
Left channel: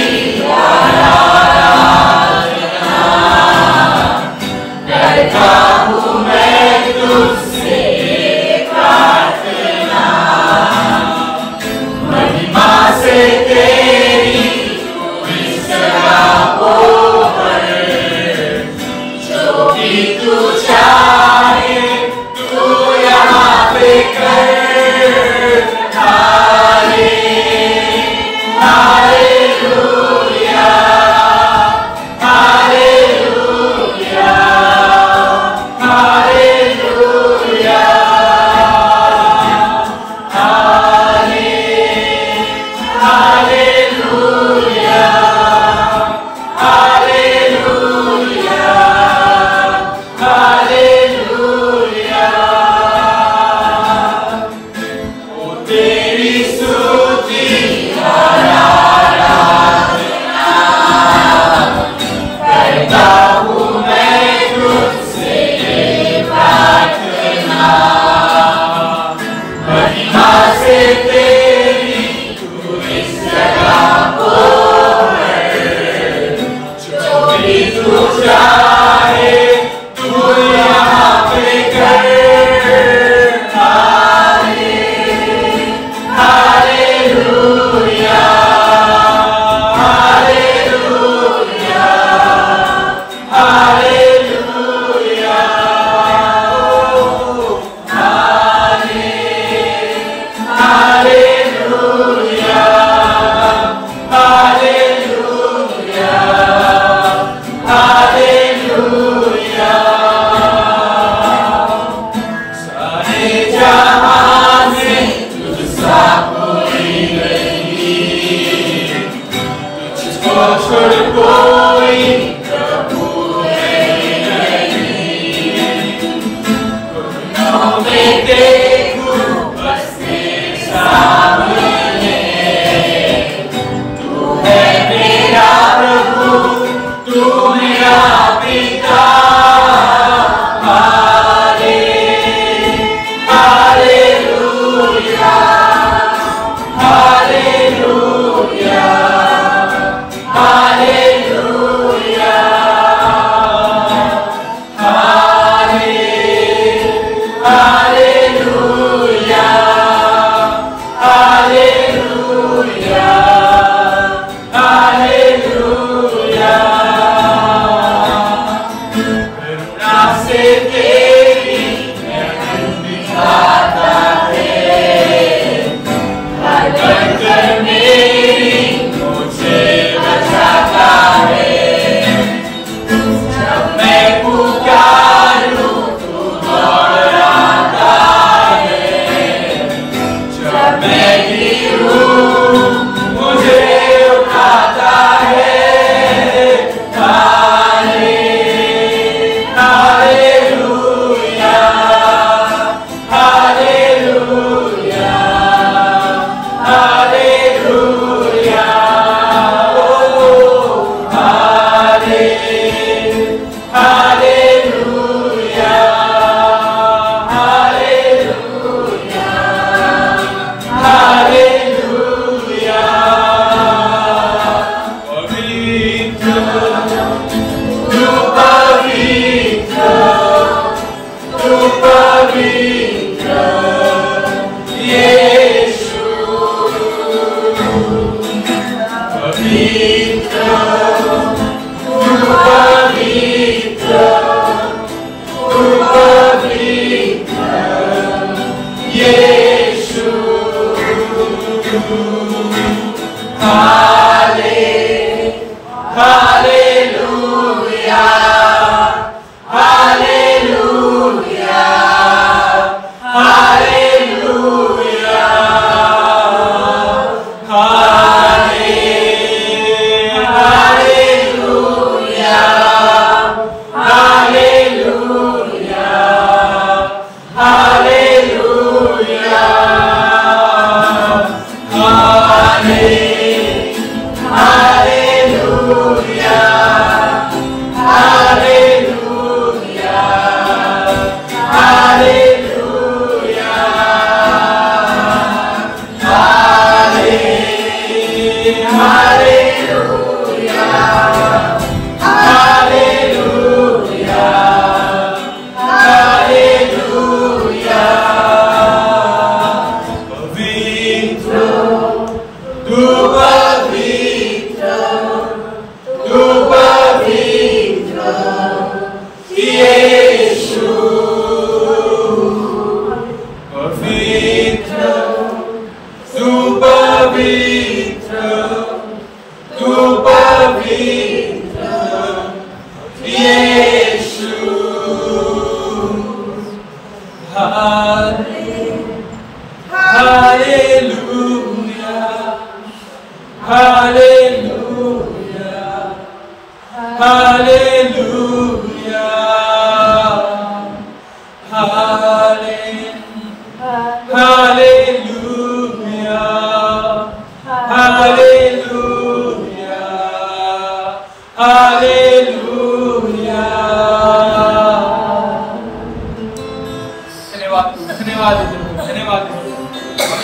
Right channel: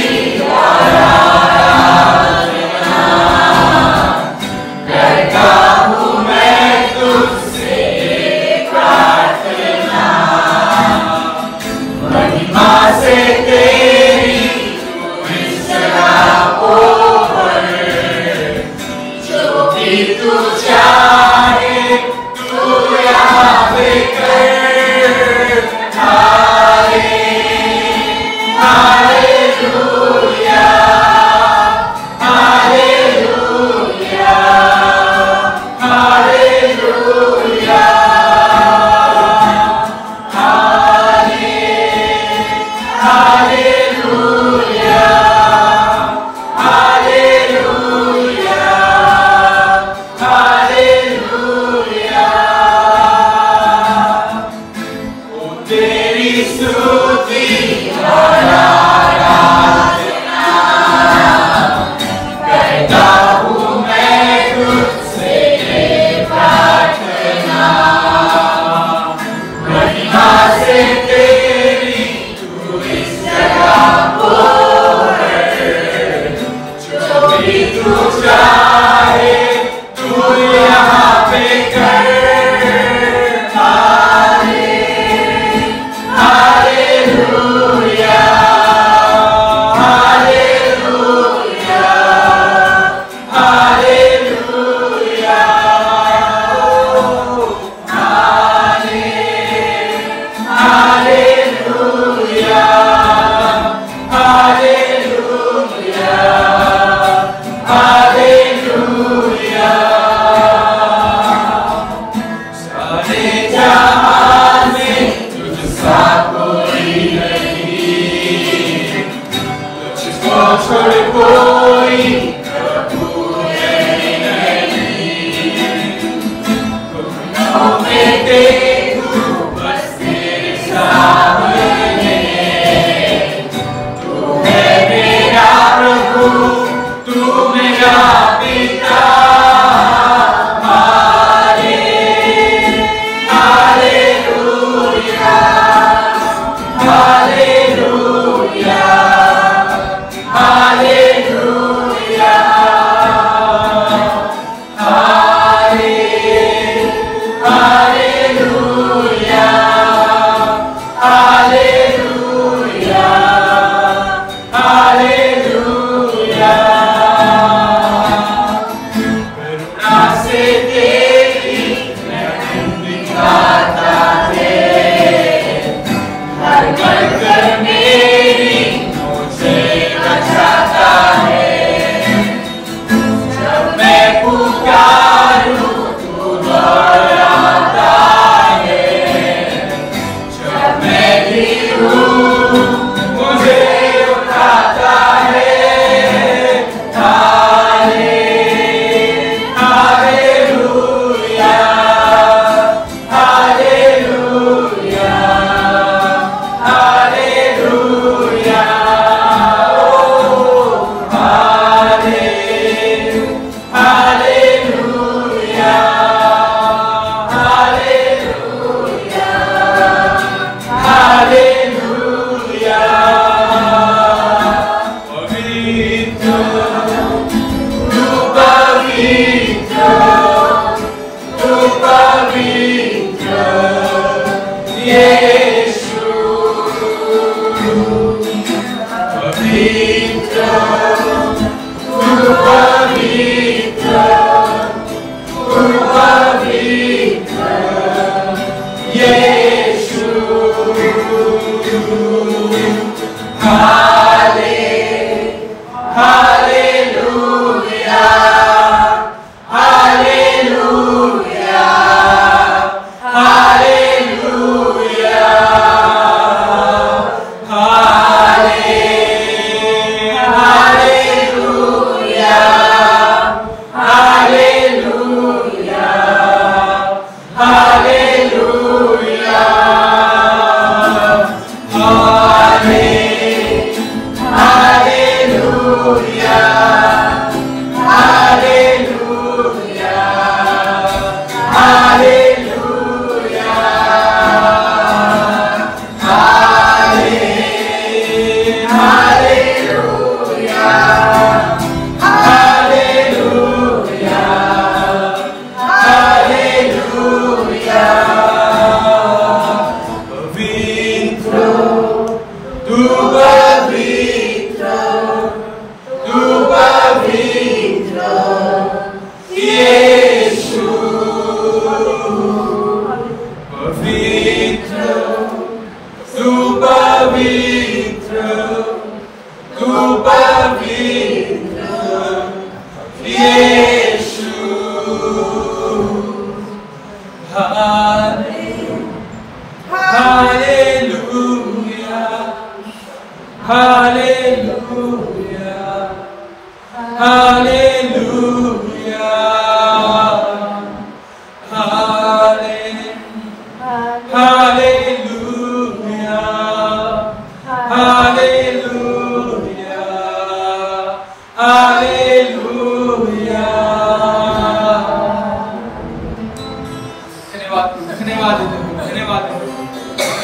तू चाहे तू यहाँ पे कर।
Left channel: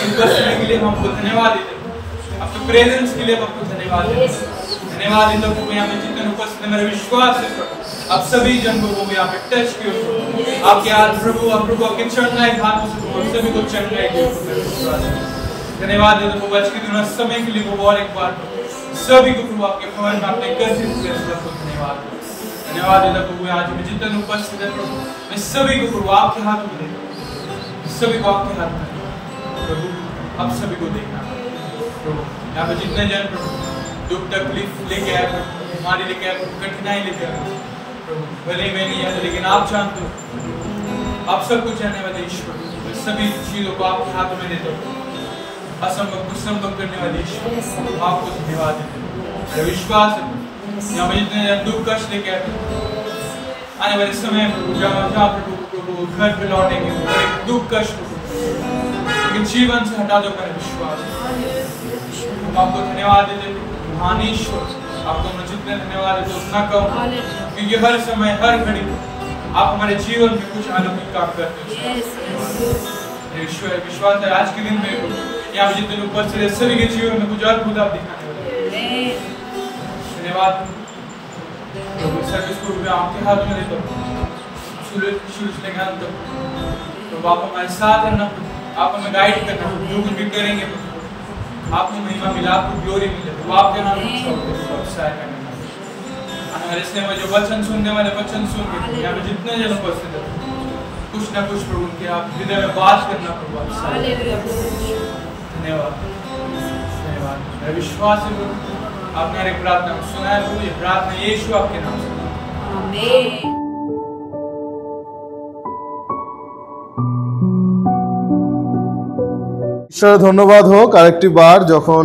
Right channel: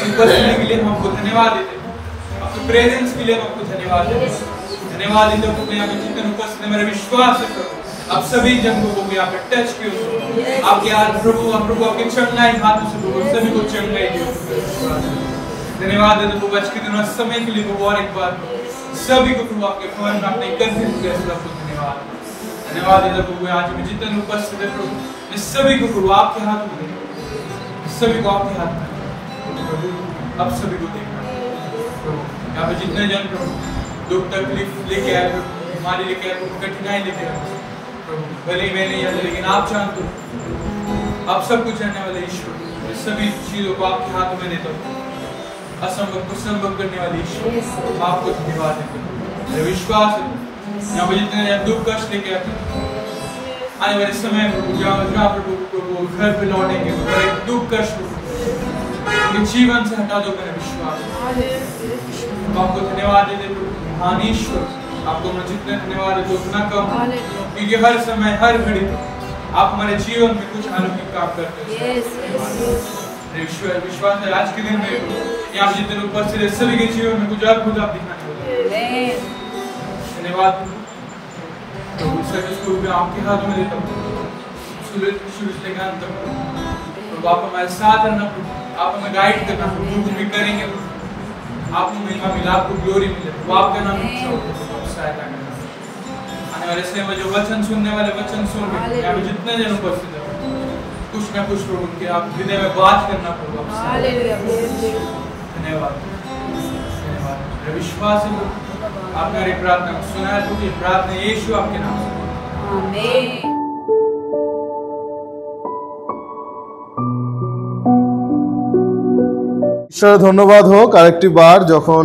उपस्थिति के लिए हम आपको धन्यवाद देते हैं, आपके प्रेजेंस के लिए हम आपको धन्यवाद देते हैं। धन्यवाद देता हूँ यहाँ पे जितने उपस्थित मेरा विश्वास है प्रभु आप सभी जन को यहाँ पे टच किया आपके हाथ प्रभु आपके चंगाई हाथ से प्रभु सभी को चंगाई किया धन्यवाद देता हूँ आज के दिन समय के लिए प्रभु और एक बार सभी को प्रभु आपके भवन में आपने एकत्रित किया सबको धन्यवाद देता प्रभु आज में जितने उपस्थित है प्रभु मैं सभी को प्रभु आपके हाथ में देता सभी को आपके हाथ में प्रभु अब सभी को देखना प्रभु यहाँ पे जितने जन प्रभु दुख तकलीफ लेके आए प्रभु बीमारी लेके आए प्रभु कठिनाई लेके आए प्रभु भले ही मैं नहीं आता लेकिन आप जानते हो आप सब कुछ करने वाले ईश्वर मैं सभी चीजों को आपके हाथ में देता हूँ असंभव कुछ संभव करने वाले ईश्वर आपको धन्यवाद देते मेरा विश्वास है यहाँ पे जितने दुख कष्ट लेके आए आने वाले समय जहाँ प्रभु घर पे लौटेंगे पर एक दुख कष्ट जीवन से हटा दो मेरा विश्वास हम आपको धन्यवाद देते महान ईश्वर आपको मैं जितने धन्यवाद देते उतना कम क्योंकि हर समय हर घड़ी आप हमारे जीवन में कुछ अलौकिक काम करते हो ईश्वर विश्वास है आज के दिन में यहाँ पे जितने उपस्थित है सभी के जीवन में कुछ अद्भुत आप दिखाने वाले धन्यवाद प्रभु सर्विस को मैं आपके हाथों में देता हूँ शुरू से लेकर अंत तक प्रभु आप हमारे साथ रहना प्रभु आप हमें गाइड करना प्रभु जो कुछ भी करेंगे आपको महिमा मिले आपको ग्लोरी मिले प्रभु आपके नाम में इच्छा होती है प्रभु सहायता करना आने वाले समय में जो वचन सुनने वाले वचन सुन के यहाँ पे जितने जन उपस्थित है कुछ ना कुछ प्रभु उनके आप हृदय में बात करना प्रभु आप धन्यवाद धन्यवाद मेरा विश्वास है प्रभु आपने हर एक प्रार्थना को सुना है प्रभु ये प्रार्थना यीशु आपके नाम से आमीन ঈশ্বর ধন্যবাদ হোক আরেকটি বার যখন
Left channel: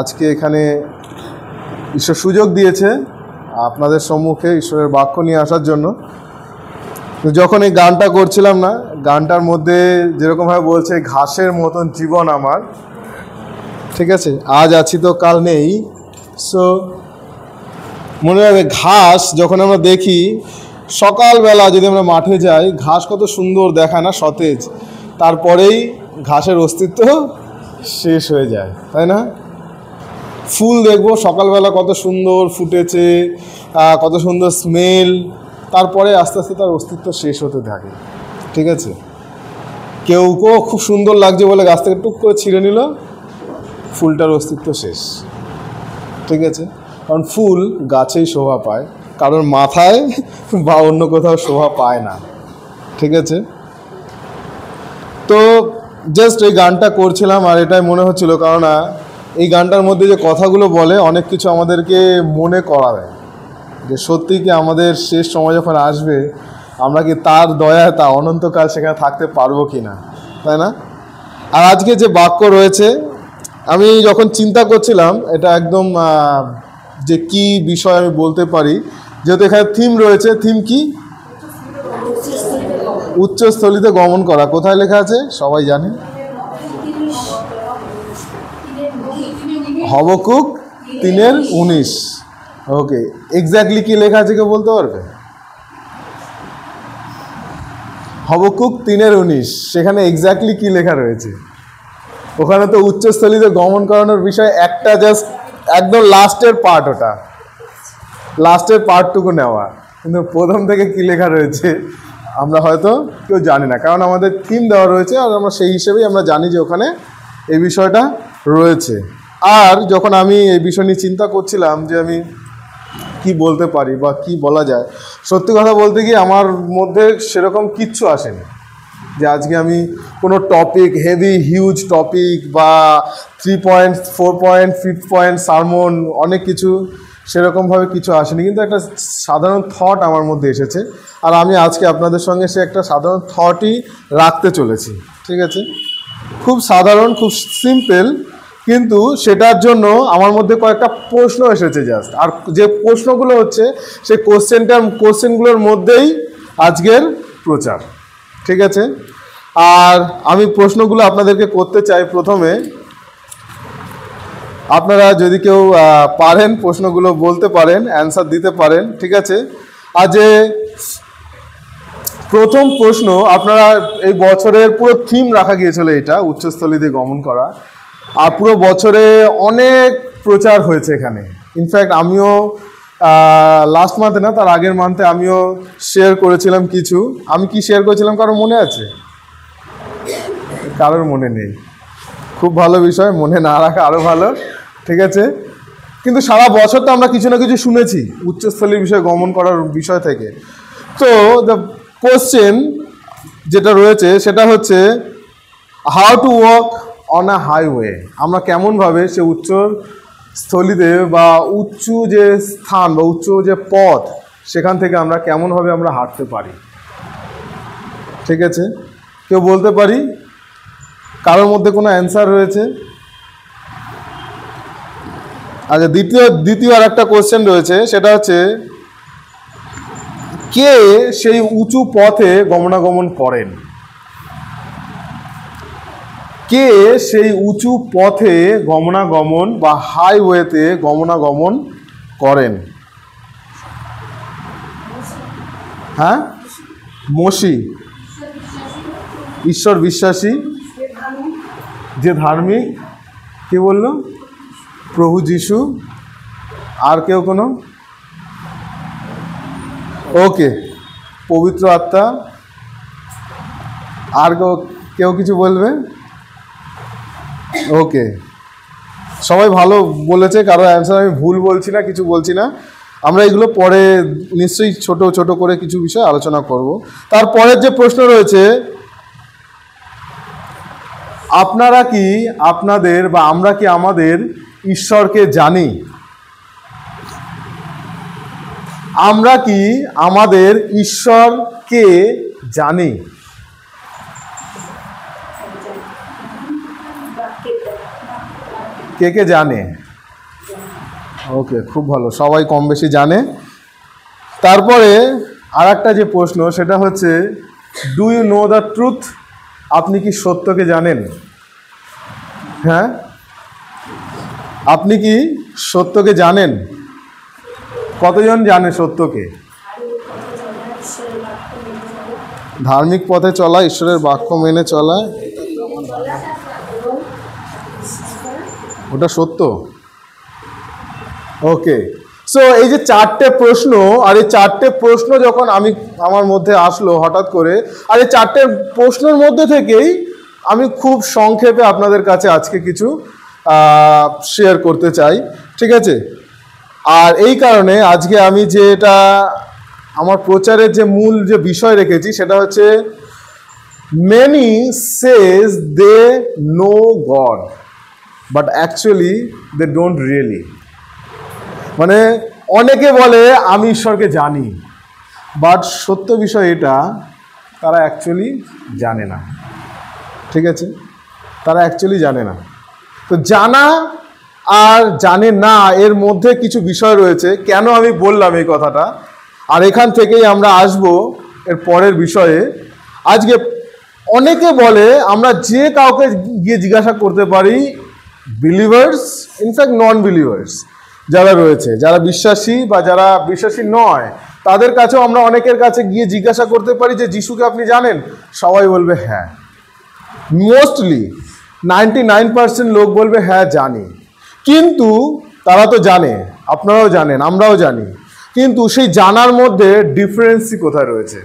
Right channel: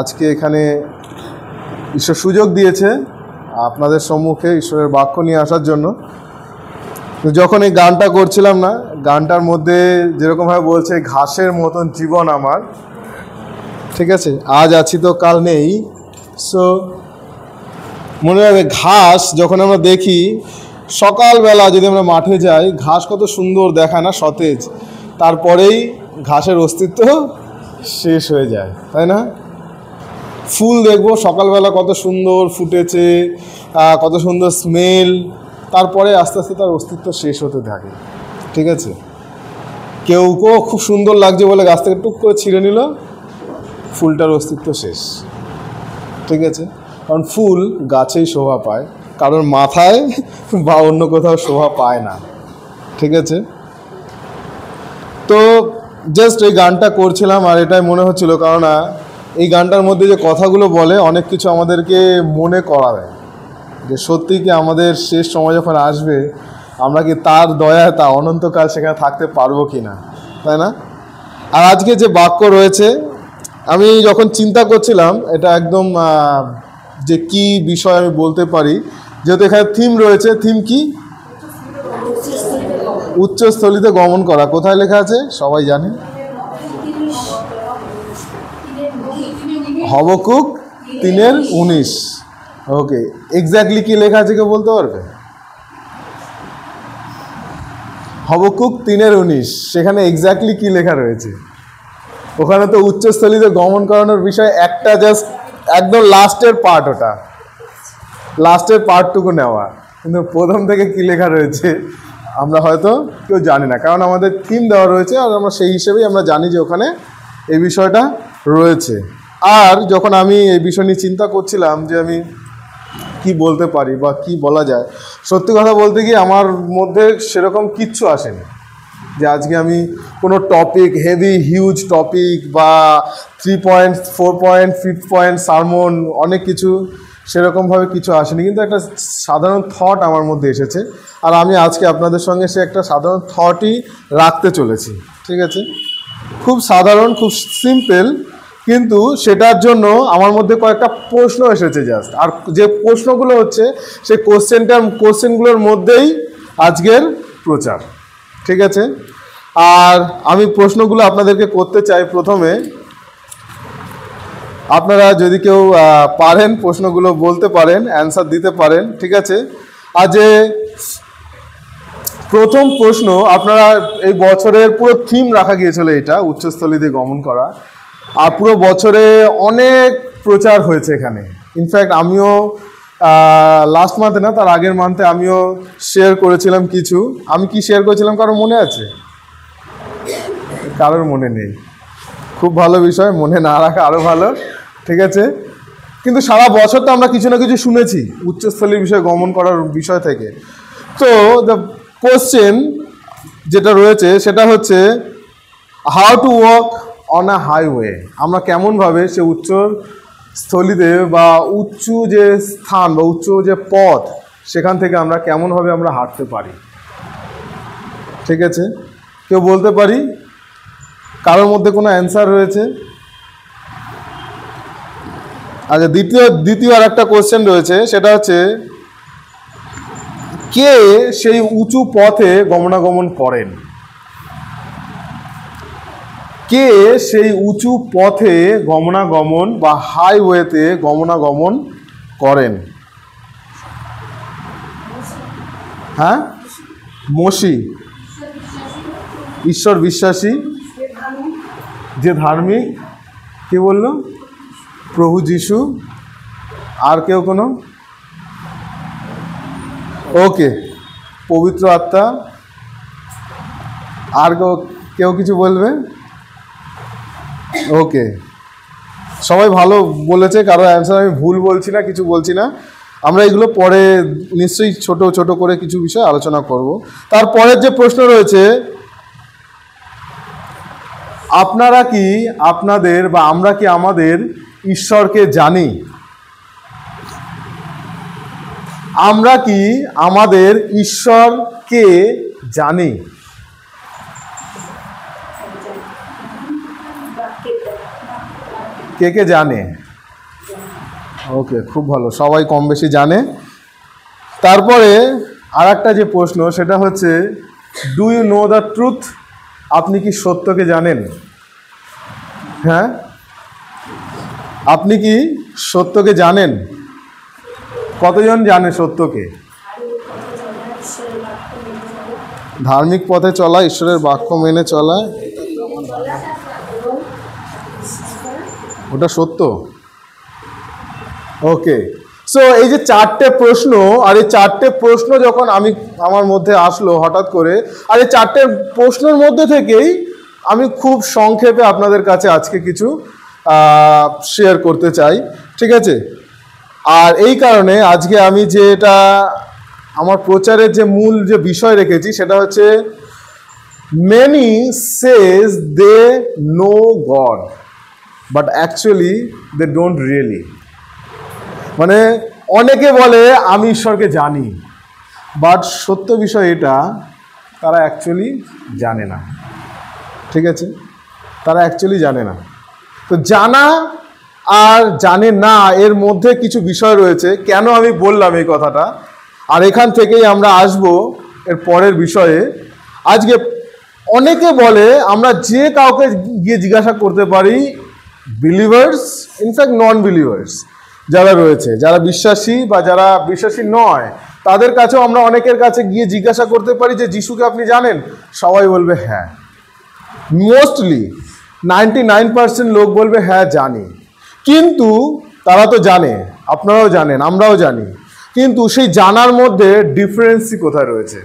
আজকে এখানে ঈশ্বর সুযোগ দিয়েছে আপনাদের সম্মুখে ঈশ্বরের বাক্য নিয়ে আসার জন্য যখন এই গানটা করছিলাম না গানটার মধ্যে যেরকমভাবে বলছে ঘাসের মতন জীবন আমার ঠিক আছে আজ আছি তো কাল নেই সো মনে হবে ঘাস যখন আমরা দেখি সকালবেলা যদি আমরা মাঠে যাই ঘাস কত সুন্দর দেখায় না সতেজ তারপরেই ঘাসের অস্তিত্ব শেষ হয়ে যায় তাই না ফুল দেখবো সকালবেলা কত সুন্দর ফুটেছে কত সুন্দর স্মেল তারপরে আস্তে আস্তে তার অস্তিত্ব শেষ হতে থাকে ঠিক আছে কেউ খুব সুন্দর লাগছে বলে গাছ থেকে টুক করে ছিঁড়ে নিল ফুলটার অস্তিত্ব শেষ ঠিক আছে কারণ ফুল গাছেই শোভা পায় কারণ মাথায় বা অন্য কোথাও শোভা পায় না ঠিক আছে তো জাস্ট এই গানটা করছিলাম আর এটাই মনে হচ্ছিল কারণ এই গানটার মধ্যে যে কথাগুলো বলে অনেক কিছু আমাদেরকে মনে করাবে যে সত্যি কি আমাদের শেষ সময় যখন আসবে আমরা কি তার দয়ায় তা অনন্তকাল সেখানে থাকতে পারবো কি না তাই না আর আজকে যে বাক্য রয়েছে আমি যখন চিন্তা করছিলাম এটা একদম যে কি বিষয় আমি বলতে পারি যেহেতু এখানে থিম রয়েছে থিম কি উচ্চস্থলিতে গমন করা কোথায় লেখা আছে সবাই জানে হবকুক 3:19 ওকে এক্স্যাক্টলি কি লেখা আছে কেউ বলতে পারবে হবকুক 3:19 সেখানে এক্স্যাক্টলি কি লেখা রয়েছে ওখানে তো উচ্চস্থলিতে গমন করানোর বিষয় একটা জাস্ট একদম লাস্টের পার্ট ওটা লাস্টের পার্টটুকু নেওয়া কিন্তু প্রথম থেকে কি লেখা রয়েছে আমরা হয়তো কেউ জানি না কারণ আমাদের থিম দেওয়া রয়েছে আর আমরা সেই হিসেবেই আমরা জানি যে ওখানে এই বিষয়টা রয়েছে আর যখন আমি এই বিষয় নিয়ে চিন্তা করছিলাম যে আমি কি বলতে পারি বা কি বলা যায় সত্যি কথা বলতে গিয়ে আমার মধ্যে সেরকম কিচ্ছু আসেনি যে আজকে আমি কোনো টপিক হেভি হিউজ টপিক বা 3 পয়েন্ট 4 পয়েন্ট 5 পয়েন্ট সারমন অনেক কিছু সেরকমভাবে কিছু আসেনি কিন্তু একটা সাধারণ থট আমার মধ্যে এসেছে আর আমি আজকে আপনাদের সঙ্গে সে একটা সাধারণ থটই রাখতে চলেছি ঠিক আছে খুব সাধারণ খুব সিম্পল কিন্তু সেটার জন্য আমার মধ্যে কয়েকটা প্রশ্ন এসেছে জাস্ট আর যে প্রশ্নগুলো হচ্ছে সেই কোশ্চেনগুলোর মধ্যেই আজকের প্রচার ঠিক আছে আর আমি প্রশ্নগুলো আপনাদেরকে করতে চাই প্রথমে আপনারা যদি কেউ পারেন প্রশ্নগুলো বলতে পারেন অ্যান্সার দিতে পারেন ঠিক আছে আর যে প্রথম প্রশ্ন আপনারা এই বছরের পুরো থিম রাখা গিয়েছিল এটা উচ্চস্থলিতে গমন করা আর পুরো বছরে অনেক প্রচার হয়েছে এখানে ইনফ্যাক্ট আমিও লাস্ট মান্থে না, তার আগের মান্থে আমিও শেয়ার করেছিলাম কিছু। আমি কি শেয়ার করেছিলাম কারোর মনে আছে? কারোর মনে নেই। খুব ভালো বিষয়, মনে না রাখা আরও ভালো, ঠিক আছে। কিন্তু সারা বছর তো আমরা কিছু না কিছু শুনেছি উচ্চস্থলীর বিষয়ে গমন করার বিষয় থেকে। তো দ্য কোশ্চেন যেটা রয়েছে সেটা হচ্ছে how to walk on a highway. আমরা কেমনভাবে সে উচ্চস্থলীতে বা উঁচু যে স্থান বা উচ্চ যে পথ সেখান থেকে আমরা কেমনভাবে আমরা হাঁটতে পারি, ঠিক আছে। কেউ বলতে পারি? কারোর মধ্যে কোনো অ্যান্সার রয়েছে? আচ্ছা, দ্বিতীয় আর একটা কোশ্চেন রয়েছে, সেটা হচ্ছে কে সেই উঁচু পথে গমনাগমন করেন? কে সেই উঁচু পথে গমনাগমন বা হাইওয়েতে গমনাগমন করেন? হ্যাঁ, মসি, ঈশ্বর বিশ্বাসী, যে ধার্মিক, কে বলল? প্রভু যিশু। আর কেউ কোনো? ওকে, পবিত্র আত্মা। আর কেউ কিছু বলবে? ওকে, সবাই ভালো বলেছে, কারো অ্যান্সার আমি ভুল বলছি না, কিছু বলছি না। আমরা এগুলো পরে নিশ্চয়ই ছোট ছোট করে কিছু বিষয় আলোচনা করব। তারপরের যে প্রশ্ন রয়েছে, আপনারা কি আপনাদের বা আমরা কি আমাদের ঈশ্বরকে জানি? আমরা কি আমাদের ঈশ্বরকে জানি? কে কে জানে? ওকে, খুব ভালো, সবাই কম বেশি জানে। তারপরে আর একটা যে প্রশ্ন সেটা হচ্ছে do you know the truth? আপনি কি সত্যকে জানেন? হ্যাঁ, আপনি কি সত্যকে জানেন? কতজন জানে সত্যকে? ধার্মিক পথে চলা, ঈশ্বরের বাক্য মেনে চলা, ওটা সত্য। ওকে, সো এই যে চারটে প্রশ্ন, আর এই চারটে প্রশ্ন যখন আমার মধ্যে আসলো হঠাৎ করে, আর এই চারটে প্রশ্নের মধ্যে থেকেই আমি খুব সংক্ষেপে আপনাদের কাছে আজকে কিছু শেয়ার করতে চাই, ঠিক আছে। আর এই কারণে আজকে আমি যেটা আমার প্রচারের যে মূল যে বিষয় রেখেছি সেটা হচ্ছে many says they know God but actually they don't really. মানে অনেকে বলে আমি ঈশ্বরকে জানি, বাট সত্য বিষয় এটা, তারা অ্যাকচুয়ালি জানে না, ঠিক আছে। তারা অ্যাকচুয়ালি জানে না। তো জানা আর জানে না এর মধ্যে কিছু বিষয় রয়েছে। কেন আমি বললাম এই কথাটা, আর এখান থেকেই আমরা আসব এর পরের বিষয়ে। আজকে অনেকে বলে আমরা যে কাউকে গিয়ে জিজ্ঞাসা করতে পারি, বিলিভার্স, ইনফ্যাক্ট নন বিলিভার্স যারা রয়েছে, যারা বিশ্বাসী বা যারা বিশ্বাসী নয়, তাদের কাছেও আমরা অনেকের কাছে গিয়ে জিজ্ঞাসা করতে পারি যে যিশুকে আপনি জানেন? সবাই বলবে হ্যাঁ। মোস্টলি 99% লোক বলবে হ্যাঁ জানি। কিন্তু তারা তো জানে, আপনারাও জানেন, আমরাও জানি, কিন্তু সেই জানার মধ্যে ডিফারেন্সই কোথায় রয়েছে,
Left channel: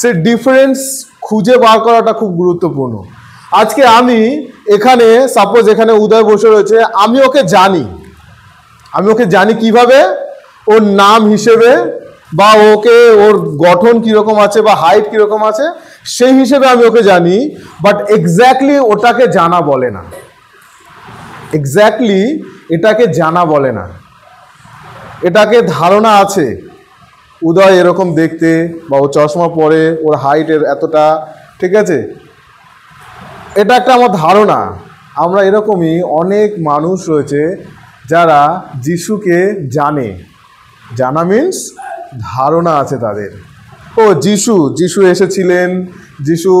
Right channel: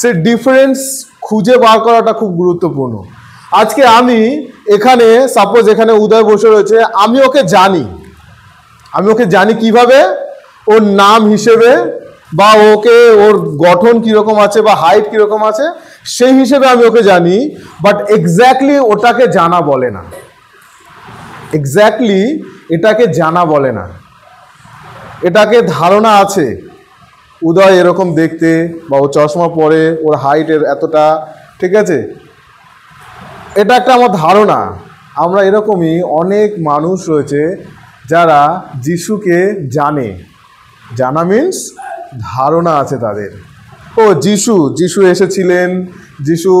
সেই ডিফারেন্স খুঁজে বার করাটা খুব গুরুত্বপূর্ণ। আজকে আমি এখানে, সাপোজ এখানে উদয় বসে রয়েছে, আমি ওকে জানি। আমি ওকে জানি কিভাবে? ওর নাম হিসেবে, বা ওকে ওর গঠন কীরকম আছে বা হাইট কীরকম আছে সেই হিসেবে আমি ওকে জানি। বাট এক্স্যাক্টলি ওটাকে জানা বলে না, এক্স্যাক্টলি এটাকে জানা বলে না। এটাকে ধারণা আছে, উদয় এরকম দেখতে, বা ও চশমা পরে, ওর হাইটের এতটা, ঠিক আছে, এটা একটা আমার ধারণা। আমরা এরকমই অনেক মানুষ রয়েছে যারা যিশুকে জানে। জানা মিন্স ধারণা আছে তাদের। ও যিশু এসেছিলেন, যিশু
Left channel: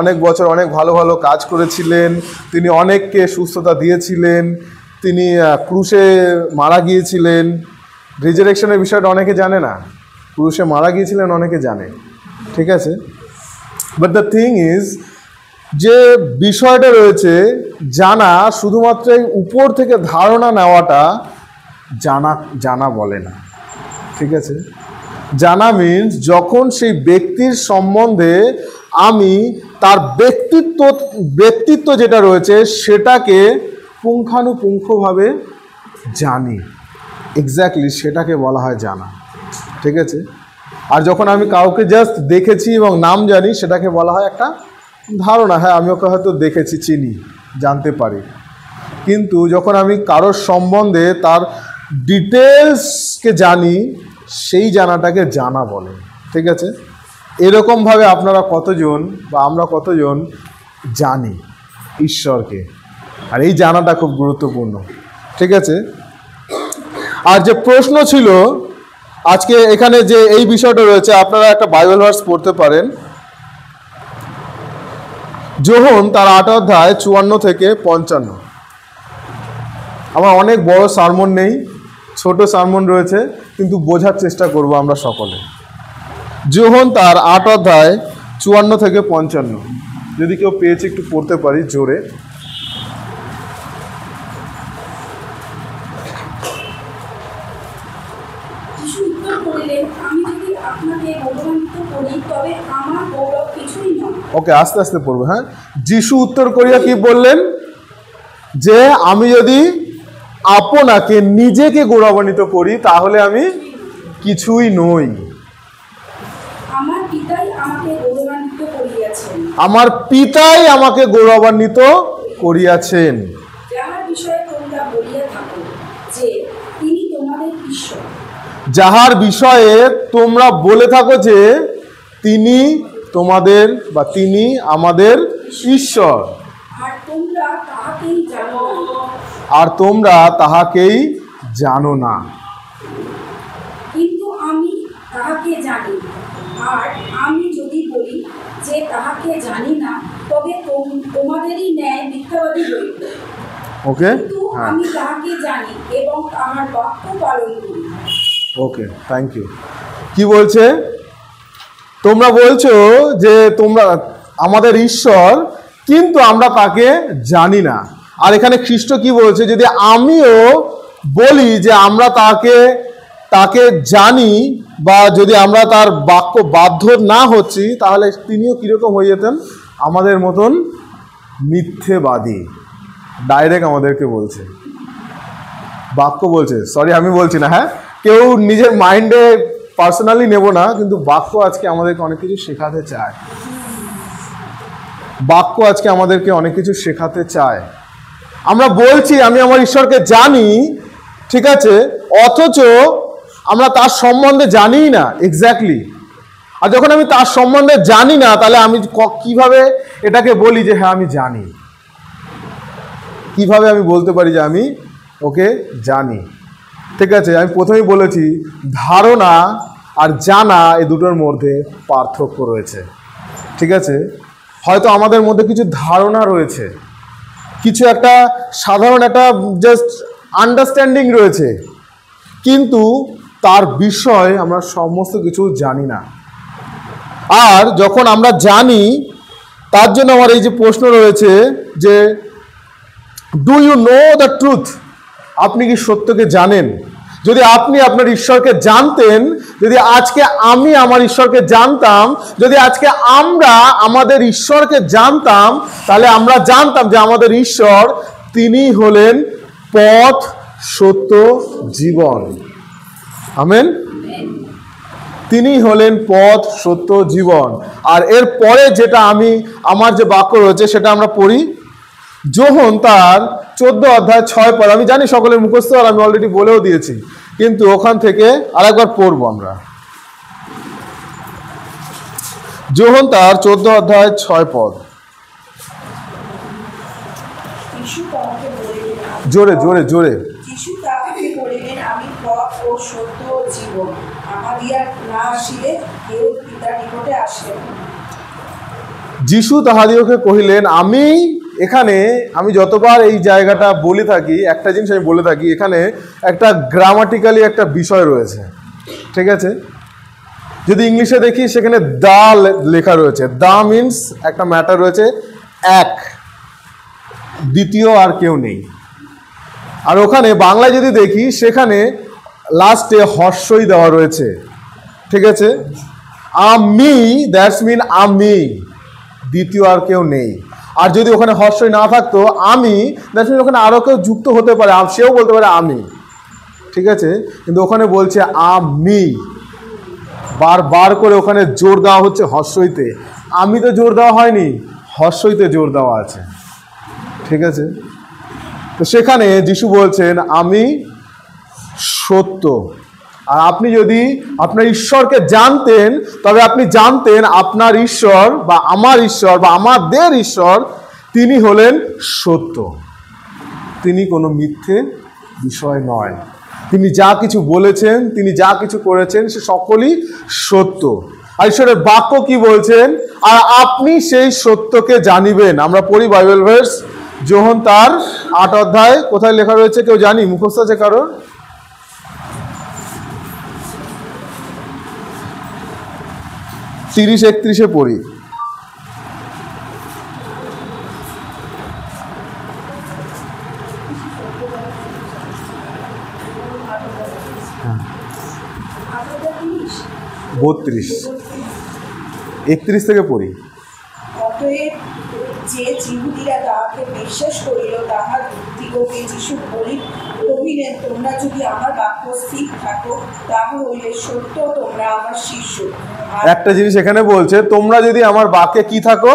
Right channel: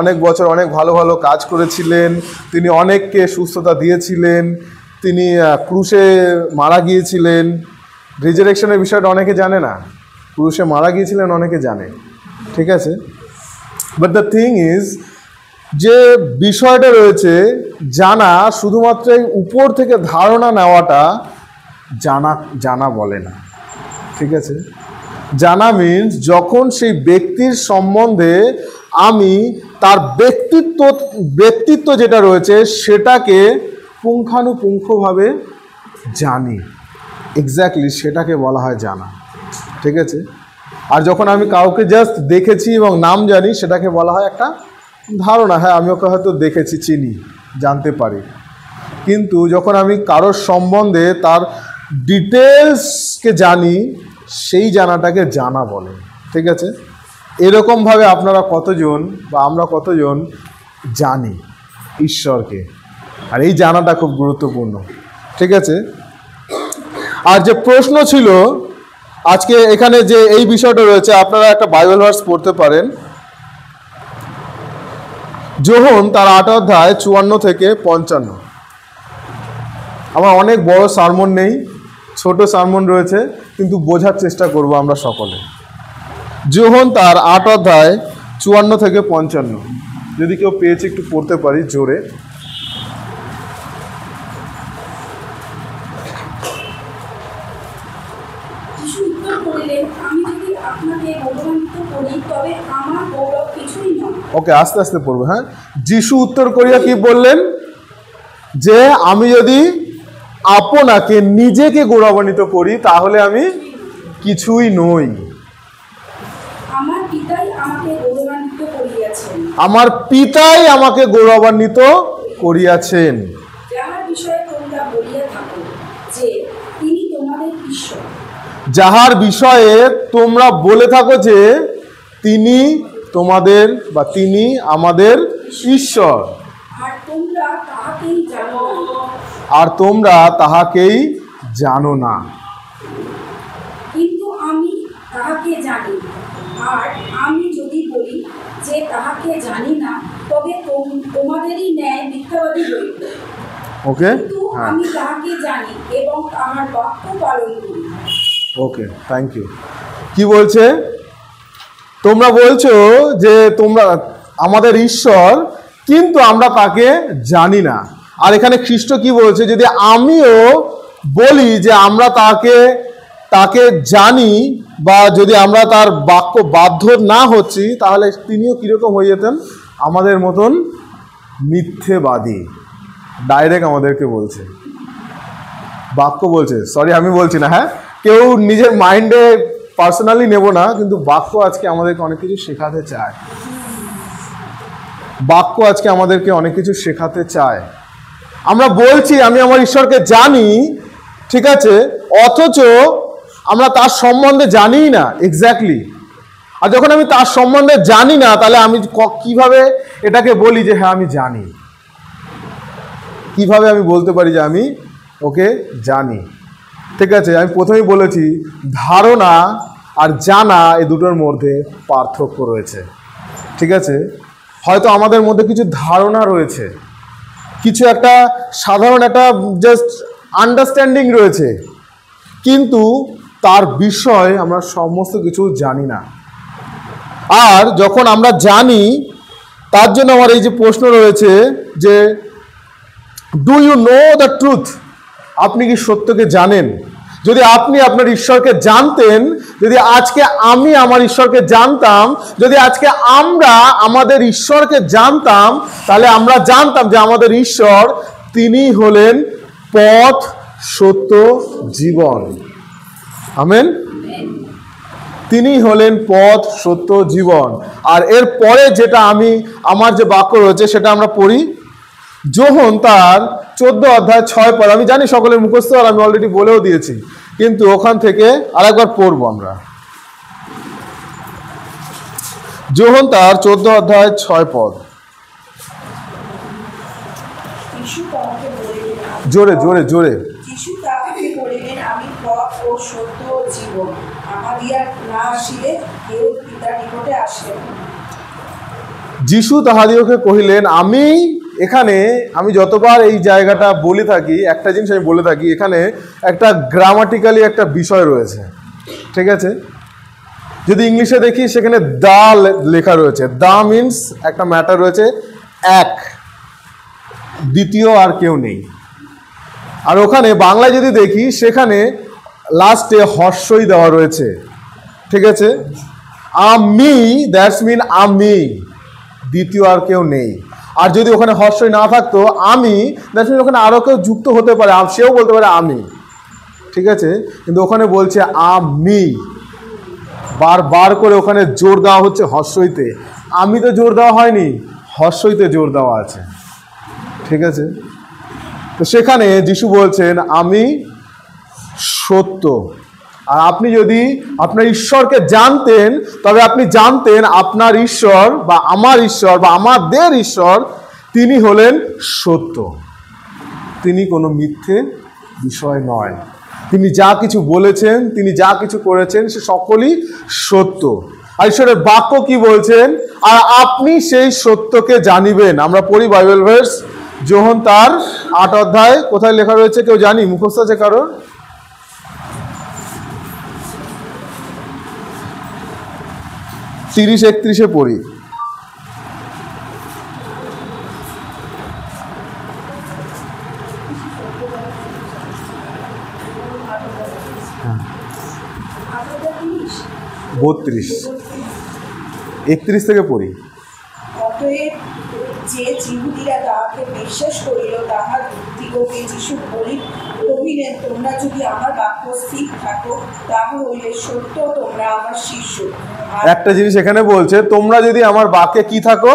অনেক বছর অনেক ভালো ভালো কাজ করেছিলেন, তিনি অনেককে সুস্থতা দিয়েছিলেন, তিনি ক্রুশে মারা গিয়েছিলেন। রিজারেকশনের বিষয়টা অনেকে জানে না, ক্রুশে মারা গিয়েছিলেন অনেকে জানে, ঠিক আছে। বাট দ্য থিং ইজ, যে বিষয়টা রয়েছে জানা, শুধুমাত্র উপর থেকে ধারণা নেওয়াটা জানা জানা বলে না। ঠিক আছে, জানা মিন্স যখন সেই ব্যক্তির সম্বন্ধে আমি তার ব্যক্তিত্ব যেটা রয়েছে সেটাকে পুঙ্খানুপুঙ্খভাবে জানি, এক্স্যাক্টলি সেটাকে বলা হয় জানা। ঠিক আছে, আর যখন আমি কাউকে জাস্ট দেখেছি এবং নাম জানি সেটাকে বলা হয় একটা ধারণা, হ্যাঁ আমি ওকে হয়তো দেখেছি, চিনি, জানতে পারি। কিন্তু যখন আমি কারোর সম্বন্ধে তার ডিটেলসকে জানি সেই জানাটাকে জানা বলে। ঠিক আছে, এরকমভাবে আপনারা কতজন বা আমরা কতজন জানি ঈশ্বরকে, আর এই জানাটা খুব গুরুত্বপূর্ণ। ঠিক আছে, আর যে প্রশ্ন ছিল আজকে এখানে যে এই বিষয়টা রয়েছে, আপনারা একটা বাইবেল ভার্স পড়তে পারেন, যোহন তার 8 অধ্যায় 54 থেকে 55। আমার অনেক বড় সারমন নেই, ছোট সারমন রয়েছে, কিন্তু বোঝার চেষ্টা করব আমরা সকলে। যোহন তার 8 অধ্যায় 54 থেকে 55, যদি কেউ পেয়েছে একটু পড়তে পারি জোরে। ওকে, আস্তে আস্তে পড়বে। হ্যাঁ, যিশু উত্তর করিয়া কি বললেন? যে আমি যদি আপনাকে নিজেকে গৌরবান্বিত করি তাহলে আমি কিছুই নই। আমার পিতাই আমাকে গৌরবান্বিত করিয়াছেন। আমার পিতাই আমাকে গৌরবান্বিত করিয়াছেন। যাহার বিষয়ে তোমরা বলিয়া থাকো যে তিনি তোমাদের ঈশ্বর। যাহার বিষয়ে তোমরা বলে থাকো যে তিনি তোমাদের বা তিনি আমাদের ঈশ্বর, আর তোমরা তাহাকেই জানো না। আর তোমরা তাহাকেই জানো না। কিন্তু আমি তাহাকে জানি, আর আমি যদি বলি যে তাহাকে জানি না, তবে তোমাদেরই ন্যায় মিথ্যাবাদী হইব। ওকে, কিন্তু হ্যাঁ, আমি তাহাকে জানি এবং তাহার বাক্য পালন করি। ওকে, থ্যাংক ইউ। কি বলছে? তোমরা বলছো যে তোমরা আমাদের ঈশ্বর, কিন্তু আমরা তাকে জানি না। আর এখানে খ্রিস্ট কি বলছে? যদি আমিও বলি যে আমরা তাকে জানি, বা যদি আমরা তার বাক্য বাধ্য না হচ্ছি, তাহলে তিনিও কিরকম হয়ে যেতেন? আমাদের মতন মিথ্যেবাদী। ডাইরেক্ট আমাদেরকে বলছে, বাক্য বলছে, সরি আমি বলছি না, হ্যাঁ, কেউ নিজের মাইন্ডে পার্সোনালি নেব না, কিন্তু বাক্য আজকে আমাদেরকে অনেক কিছু শেখাতে চায়। বাক্য আজকে আমাদেরকে অনেক কিছু শেখাতে চায়। আমরা বলছি আমি আমার ঈশ্বরকে জানি, ঠিক আছে, অথচ আমরা তার সম্বন্ধে জানিই না এক্স্যাক্টলি। আর যখন আমি তার সম্বন্ধে জানি না, তাহলে আমি কিভাবে এটাকে বলি যে হ্যাঁ আমি জানি? কিভাবে আমি বলতে পারি যে আমি ওকে জানি? ঠিক আছে, আমি প্রথমেই বলেছি ধারণা আর জানা এই দুটোর মধ্যে পার্থক্য রয়েছে। ঠিক আছে, হয়তো আমাদের মধ্যে কিছু ধারণা রয়েছে, কিছু একটা সাধারণ একটা জাস্ট আন্ডারস্ট্যান্ডিং রয়েছে, কিন্তু তার বিষয় আমরা সমস্ত কিছু জানি না। আর যখন আমরা জানি, তার জন্য আমার এই যে প্রশ্ন রয়েছে যে do you know the truth? আপনি কি সত্যকে জানেন? যদি আপনি আপনার ঈশ্বরকে জানতেন, যদি আজকে আমি আমার ঈশ্বরকে জানতাম, যদি আজকে আমরা আমাদের ঈশ্বরকে জানতাম, তাহলে আমরা জানতাম যে আমাদের ঈশ্বর তিনি হলেন পথ, সত্য, জীবন। আমেন। তিনি হলেন পথ, সত্য, জীবন। আর এর পরে যেটা আমার যে বাক্য রয়েছে সেটা আমরা পড়ি, যোহন তার 14 অধ্যায় 6 পদ। আমি জানি সকলের মুখস্থ, আর আমি অলরেডি বলেও দিয়েছি, কিন্তু ওখান থেকে আরেকবার পড়বো আমরা। যোহন তার 14 অধ্যায় 6 পদ। জোরে জোরে জোরে। যিশু তাহাকে বলিলেন, আমি পথ ও সত্য ও জীবন, আমার দিয়া না আসিলে কেউ পিতার নিকটে আসে না। যিশু তাহাদিওকে কহিলেন, আমি যতবার এই জায়গাটা বলে থাকি, একটা জিনিস আমি বলে থাকি, এখানে একটা গ্রামাটিক্যালি একটা বিষয় রয়েছে। ঠিক আছে, যদি ইংলিশে দেখি সেখানে দা লেখা রয়েছে। দা মিনস একটা ম্যাটার রয়েছে, এক, দ্বিতীয় আর কেউ নেই। আর ওখানে বাংলায় যদি দেখি সেখানে লাস্টে হর্ষই দেওয়া রয়েছে, ঠিক আছে। আমি, দ্যাটস মিন আমি, দ্বিতীয় আর কেউ নেই। আর যদি ওখানে হর্ষই না থাকতো আমি, দ্যাটস মিন ওখানে আরও কেউ যুক্ত হতে পারে, সেও বলতে পারে আমি, ঠিক আছে। কিন্তু ওখানে বলছে আমি, বারবার করে ওখানে জোর দেওয়া হচ্ছে হর্ষইতে। আমি তো জোর দেওয়া হয়নি, হর্ষইতে জোর দেওয়া আছে, ঠিক আছে। তো সেখানে যিশু বলছেন আমি সত্য। আর আপনি যদি আপনার ঈশ্বরকে জানতেন, তবে আপনি জানতেন আপনার ঈশ্বর বা আমার ঈশ্বর বা আমাদের ঈশ্বর, তিনি হলেন সত্য। তিনি কোনো মিথ্যে বিষয় নয়। তিনি যা কিছু বলেছেন, তিনি যা কিছু করেছেন, সে সকলই সত্য। আর ঈশ্বরের বাক্য কি বলছেন? আর আপনি সেই সত্যকে জানিবেন। আমরা পড়ি বাইবেল ভার্স, যোহন তার 8 অধ্যায়, কোথায় লেখা রয়েছে কেউ জানি? মুখস্থ আছে কারোর? তিরিশ 31 পড়ি। বত্রিশ 31 থেকে পড়ি। অতএব যে যিহুদীরা তাহাকে বিশ্বাস করিল, তাহার দিগকে যিশু কহিলেন, তোমরা যদি আমার বাক্য স্থির থাকো, তাহা হইলে সত্য তোমরা আমার শিষ্য। একটা জিনিস এখানে বলছে, তোমরা যদি আমার বাক্যে কি থাকো,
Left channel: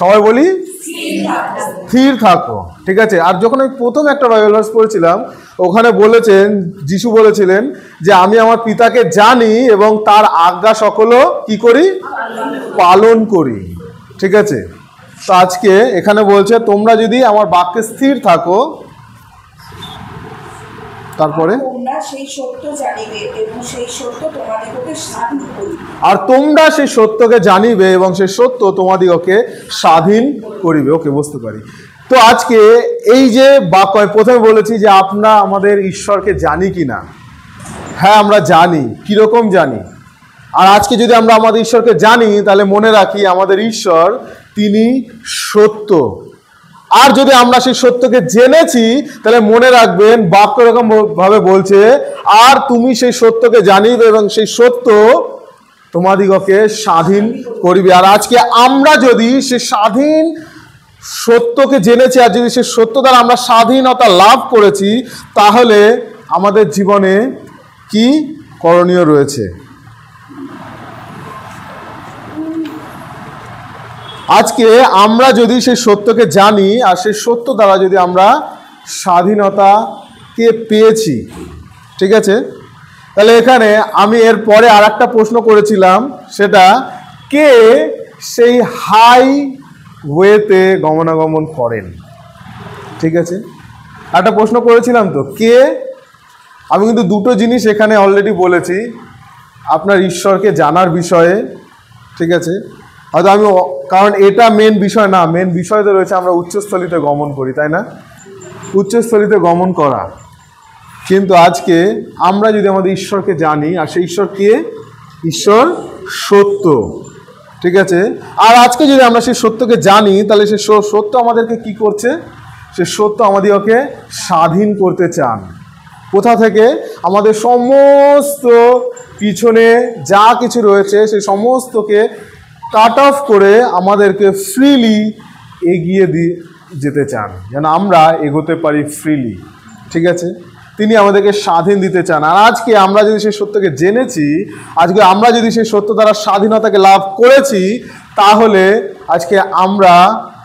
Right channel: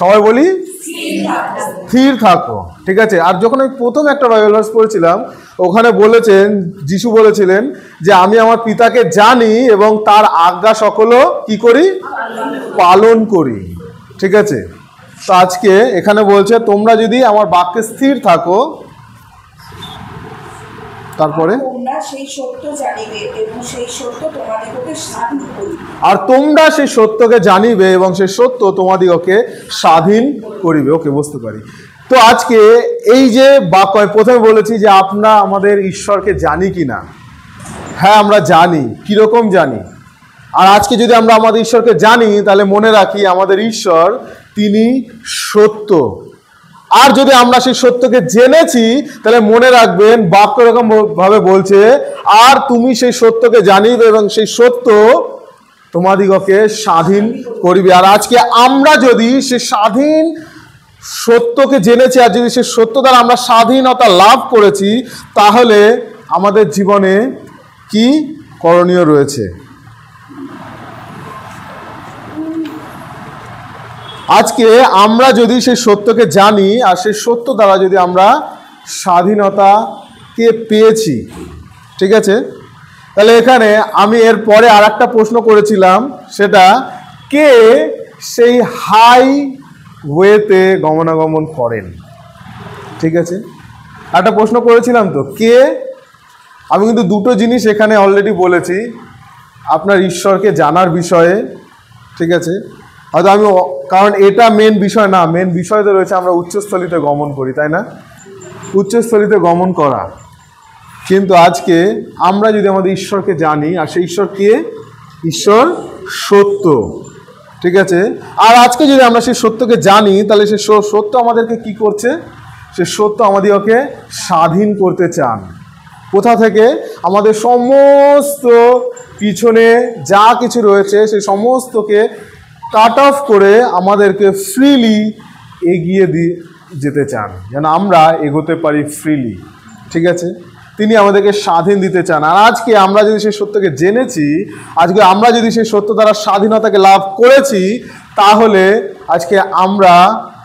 সবাই বলি স্থির থাকো, ঠিক আছে। আর যখন আমি প্রথম একটা বাইবেল ভার্স পড়েছিলাম, ওখানে বলেছেন, যিশু বলেছিলেন যে আমি আমার পিতাকে জানি এবং তার আজ্ঞা সকলও কি করি, পালন করি, ঠিক আছে। তো আজকে এখানে বলছে তোমরা যদি আমার বাক্যে স্থির থাকো, তারপরে তোমরা সেই সত্য জানিবে এবং সেই সত্য তোমাদিগকে স্বাধীন করিবে। আর তোমরা সেই সত্যকে জানিবে এবং সেই সত্য তোমাদিগকে স্বাধীন করিবে। ওকে, বুঝতে পারি। তো আজকে এই যে বাক্য, আমি প্রথমে বলেছি যে আমরা আমাদের ঈশ্বরকে জানি কি না। হ্যাঁ, আমরা জানি। কিরকম জানি? আর আজকে যদি আমরা আমাদের ঈশ্বরকে জানি, তাহলে মনে রাখি আমাদের ঈশ্বর তিনি সত্য। আর যদি আমরা সেই সত্যকে জেনেছি, তাহলে মনে রাখবেন বাক্য এরকম ভাবে বলছে, আর তুমি সেই সত্যকে জানিবে এবং সেই সত্য তোমাদিগকে স্বাধীন করিবে। আর আজকে আমরা যদি সেই স্বাধীন সত্যকে জেনেছি, আর যদি সেই সত্য দ্বারা আমরা স্বাধীনতা লাভ করেছি, তাহলে আমাদের জীবনে কি করণীয় রয়েছে? আজকে আমরা যদি সেই সত্যকে জানি, আর সেই সত্য দ্বারা যদি আমরা স্বাধীনতাকে পেয়েছি, ঠিক আছে, তাহলে এখানে আমি এর পরে আর একটা প্রশ্ন করেছিলাম, সেটা কে সেই হাইওয়েতে গমনাগমন করেন, ঠিক আছে। একটা প্রশ্ন করেছিলাম তো, কে? আমি কিন্তু দুটো জিনিস এখানে অলরেডি বলেছি আপনার ঈশ্বরকে জানার বিষয়ে, ঠিক আছে। হয়তো আমি, কারণ এটা মেন বিষয় না, মেন বিষয় তো রয়েছে আমরা উচ্চস্থলিতে গমন করি, তাই না? উচ্চস্থলিতে গমন করা। কিন্তু আজকে আমরা যদি আমাদের ঈশ্বরকে জানি, আর সেই ঈশ্বর কে? ঈশ্বর সত্য, ঠিক আছে। আর আজকে যদি আমরা সেই সত্যকে জানি, তাহলে সেই সত্য আমাদেরকে কি করছে? সে সত্য আমাদেরকে স্বাধীন করতে চান। কোথা থেকে? আমাদের সমস্ত পিছনে যা কিছু রয়েছে সেই সমস্তকে কাট অফ করে আমাদেরকে ফ্রিলি এগিয়ে যেতে চান, যেন আমরা এগোতে পারি ফ্রিলি, ঠিক আছে। তিনি আমাদেরকে স্বাধীন দিতে চান। আর আজকে আমরা যদি সেই সত্যকে জেনেছি, আজকে আমরা যদি সেই সত্য দ্বারা স্বাধীনতাকে লাভ করেছি, তাহলে আজকে আমরা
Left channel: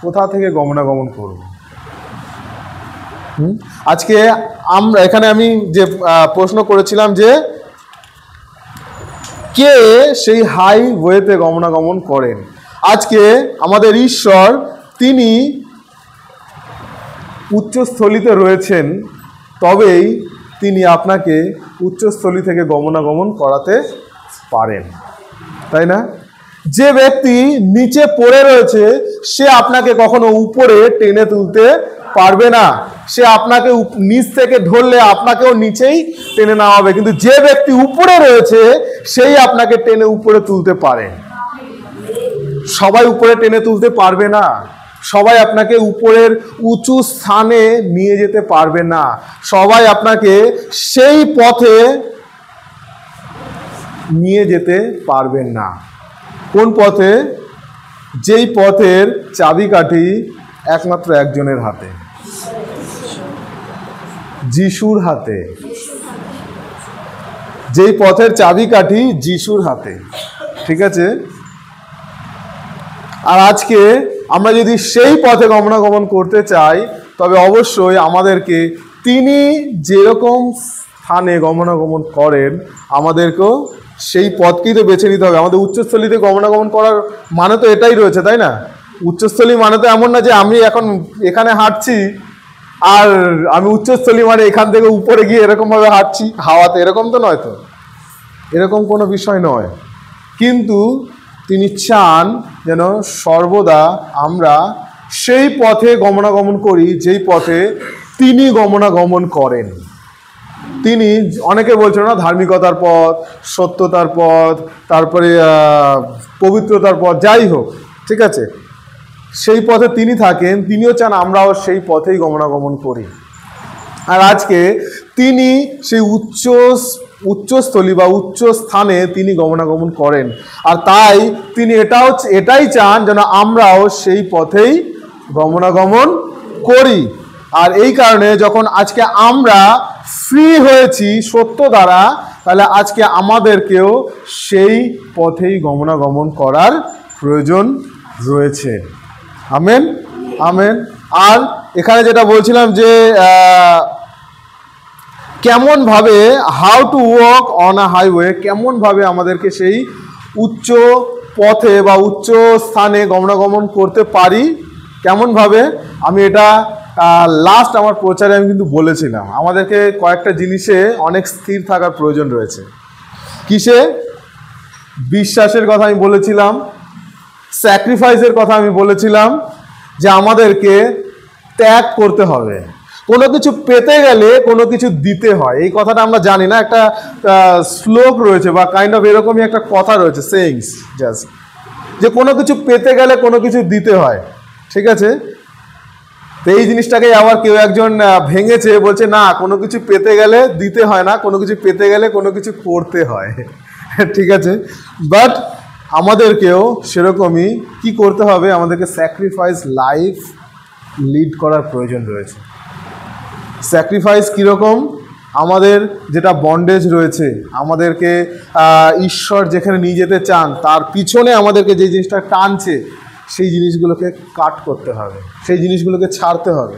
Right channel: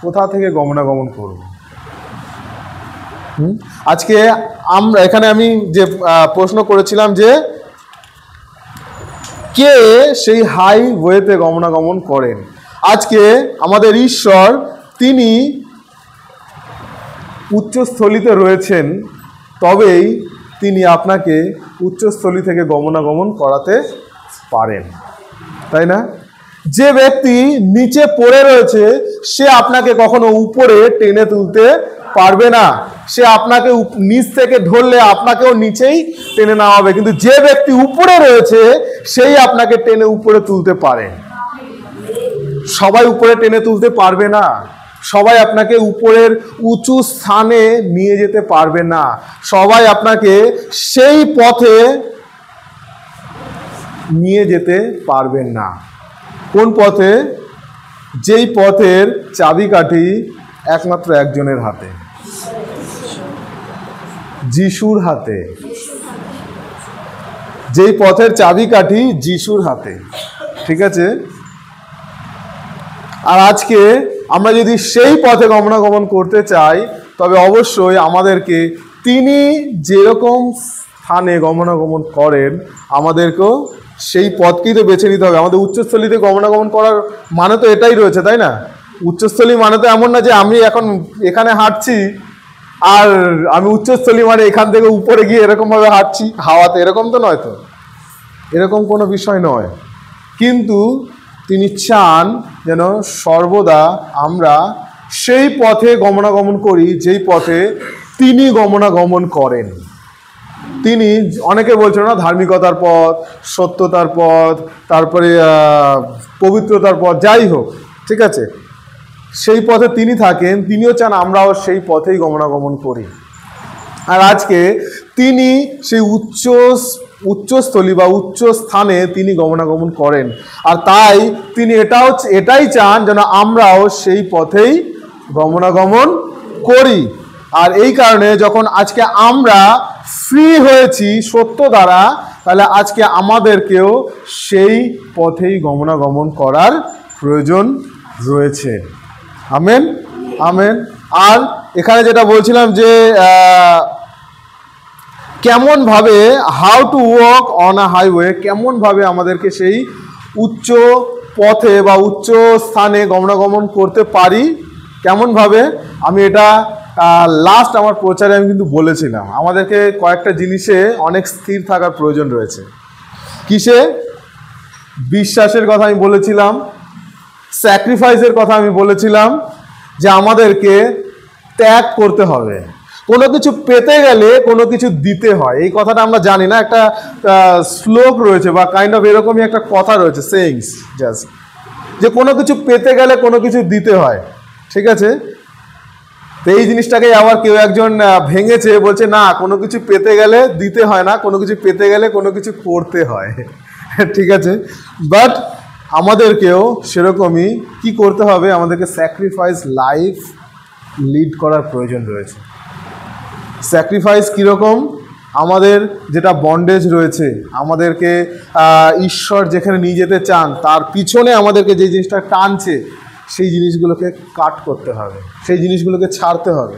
কোথা থেকে গমনাগমন করব? আজকে আমরা এখানে আমি যে প্রশ্ন করেছিলাম যে কে সেই হাইওয়েতে গমনাগমন করেন। আজকে আমাদের ঈশ্বর তিনি উচ্চস্থলিতে রয়েছেন, তবেই তিনি আপনাকে উচ্চস্থলি থেকে গমনাগমন করাতে পারেন, তাই না? যে ব্যক্তি নিচে পড়ে রয়েছে, সে আপনাকে কখনো উপরে টেনে তুলতে পারবে না। সে আপনাকে নিচ থেকে ধরলে আপনাকেও নিচেই টেনে নেওয়া হবে। কিন্তু যে ব্যক্তি উপরে রয়েছে, সেই আপনাকে টেনে উপরে তুলতে পারে। সবাই উপরে টেনে তুলতে পারবে না। সবাই আপনাকে উপরের উঁচু স্থানে নিয়ে যেতে পারবে না। সবাই আপনাকে সেই পথে নিয়ে যেতে পারবেন না। কোন পথে? যেই পথের চাবিকাঠি একমাত্র একজনের হাতে, যিশুর হাতে। যেই পথের চাবিকাঠি যিশুর হাতে, ঠিক আছে? আর আজকে আমরা যদি সেই পথে গমনাগমন করতে চাই, তবে অবশ্যই আমাদেরকে তিনি যেরকম স্থানে গমনাগমন করেন আমাদেরকেও সেই পথকেই তো বেছে নিতে হবে। আমাদের উচ্চস্থলিতে গমনাগমন করার মানে তো এটাই রয়েছে, তাই না? উচ্চস্থলী মানে তো এমন না যে আমি এখন এখানে হাঁটছি আর আমি উচ্চস্থলী মানে এখান থেকে উপরে গিয়ে এরকমভাবে হাঁটছি হাওয়াতে, এরকম তো নয়। তো এরকম কোনো বিষয় নয়। কিন্তু তিনি চান যেন সর্বদা আমরা সেই পথে গমনাগমন করি যেই পথে তিনি গমনাগমন করেন। তিনি, অনেকে বলছিল না ধার্মিকতার পথ, সত্যতার পথ, তারপরে পবিত্রতার পথ, যাই হোক, ঠিক আছে, সেই পথে তিনি থাকেন। তিনিও চান আমরাও সেই পথেই গমনাগমন করি। আর আজকে তিনি সেই উচ্চস্থলী বা উচ্চ স্থানে তিনি গমনাগমন করেন। আর তাই তিনি এটাই চান যেন আমরাও সেই পথেই গমনাগমন করি। আর এই কারণে যখন আজকে আমরা ফ্রি হয়েছি সত্য দ্বারা, তাহলে আজকে আমাদেরকেও সেই পথেই গমনাগমন করার প্রয়োজন রয়েছে। Amen, amen. আর এখানে যেটা বলছিলাম যে কেমনভাবে, how to walk on a highway, কেমনভাবে আমাদেরকে সেই উচ্চ পথে বা উচ্চ স্থানে গমনাগমন করতে পারি, কেমনভাবে, আমি এটা লাস্ট আমার প্রচারে আমি কিন্তু বলেছিলাম। আমাদেরকে কয়েকটা জিনিসে অনেক স্থির থাকার প্রয়োজন রয়েছে। কিসে? বিশ্বাসের কথা আমি বলেছিলাম, স্যাক্রিফাইসের কথা আমি বলেছিলাম, যে আমাদেরকে ত্যাগ করতে হবে। কোনো কিছু পেতে গেলে কোনো কিছু দিতে হয়। এই কথাটা আমরা জানি না, একটা শ্লোক রয়েছে বা কাইন্ড অফ এরকমই একটা কথা রয়েছে, সেইংস জাস্ট, যে কোনো কিছু পেতে গেলে কোনো কিছু দিতে হয়, ঠিক আছে? তো এই জিনিসটাকে আবার কেউ একজন ভেঙেছে, বলছে না, কোনো কিছু পেতে গেলে দিতে হয় না, কোনো কিছু পেতে গেলে কোনো কিছু করতে হয়, ঠিক আছে? বাট আমাদেরকেও সেরকমই কি করতে হবে? আমাদেরকে স্যাক্রিফাইস লাইফ লিড করার প্রয়োজন রয়েছে। স্যাক্রিফাইস কীরকম? আমাদের যেটা বন্ডেজ রয়েছে, আমাদেরকে ঈশ্বর যেখানে নিয়ে যেতে চান তার পিছনে আমাদেরকে যে জিনিসটা টানছে, সেই জিনিসগুলোকে কাট করতে হবে, সেই জিনিসগুলোকে ছাড়তে হবে।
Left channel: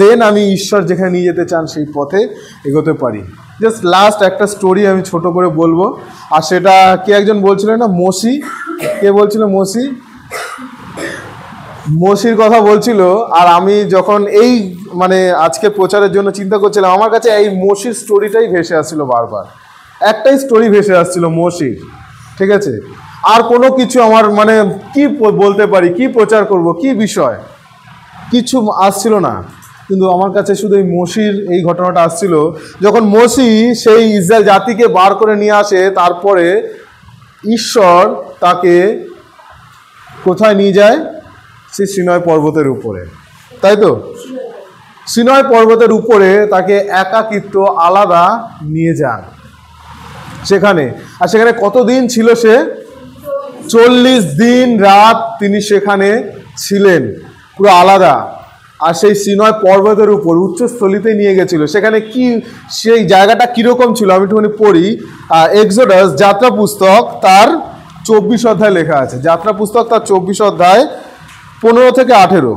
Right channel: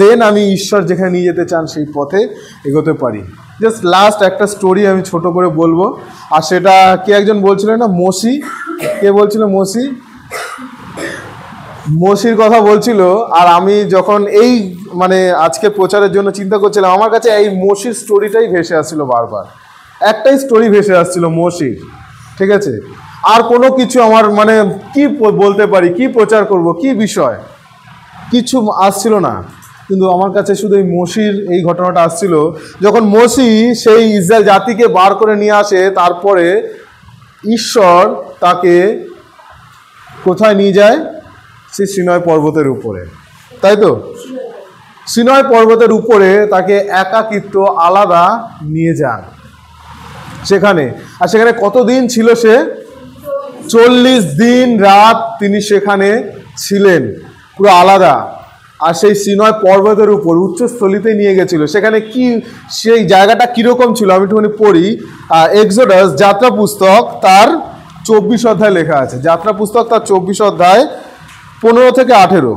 দেন আমি ঈশ্বর যেখানে নিয়ে যেতে চান সেই পথে এগোতে পারি। জাস্ট লাস্ট একটা স্টোরি আমি ছোট করে বলবো। আর সেটা কে একজন বলছিলেন না, মসি, কে বলছিল? মসির কথা বলছিল। আর আমি যখন এই মানে আজকে প্রচারের জন্য চিন্তা করছিলাম, আমার কাছে এই মসির স্টোরিটাই ভেসে আসছিল বারবার। একটাই স্টোরি ভেসে আসছিল মসির, ঠিক আছে? আর কোনো কিছু আমার মানে কি বলতে পারি, কি প্রচার করব, কি বিষয়, কিছু আসছিল না। কিন্তু আমার কাছে শুধু এই মসির এই ঘটনাটা আসছিল, যখন মসি সেই ইসরায়েল জাতিকে বার করে নিয়ে আসে, তারপরে ঈশ্বর তাকে কোথায় নিয়ে যায়? সেই সিনয় পর্বতের উপরে, তাই তো? সিনয় পর্বতের উপরে তাকে একাকিত্ব আলাদা নিয়ে যান সেখানে। আর সেখানে কতদিন ছিল সে? 40 দিন রাত তিনি সেখানে ছিলেন, পুরো আলাদা। আর সেই সিনয় পর্বতের উপর উচ্চস্থলিতে নিয়ে গেছিল। সেখানে কি, সেই জায়গাটা কীরকম ছিল আমি একটুখানি পড়ি। এক্সোডাস যাত্রা পুস্তক তার 24 অধ্যায় লেখা আছে। যাত্রা পুস্তক তার 24 অধ্যায় 15 থেকে 18।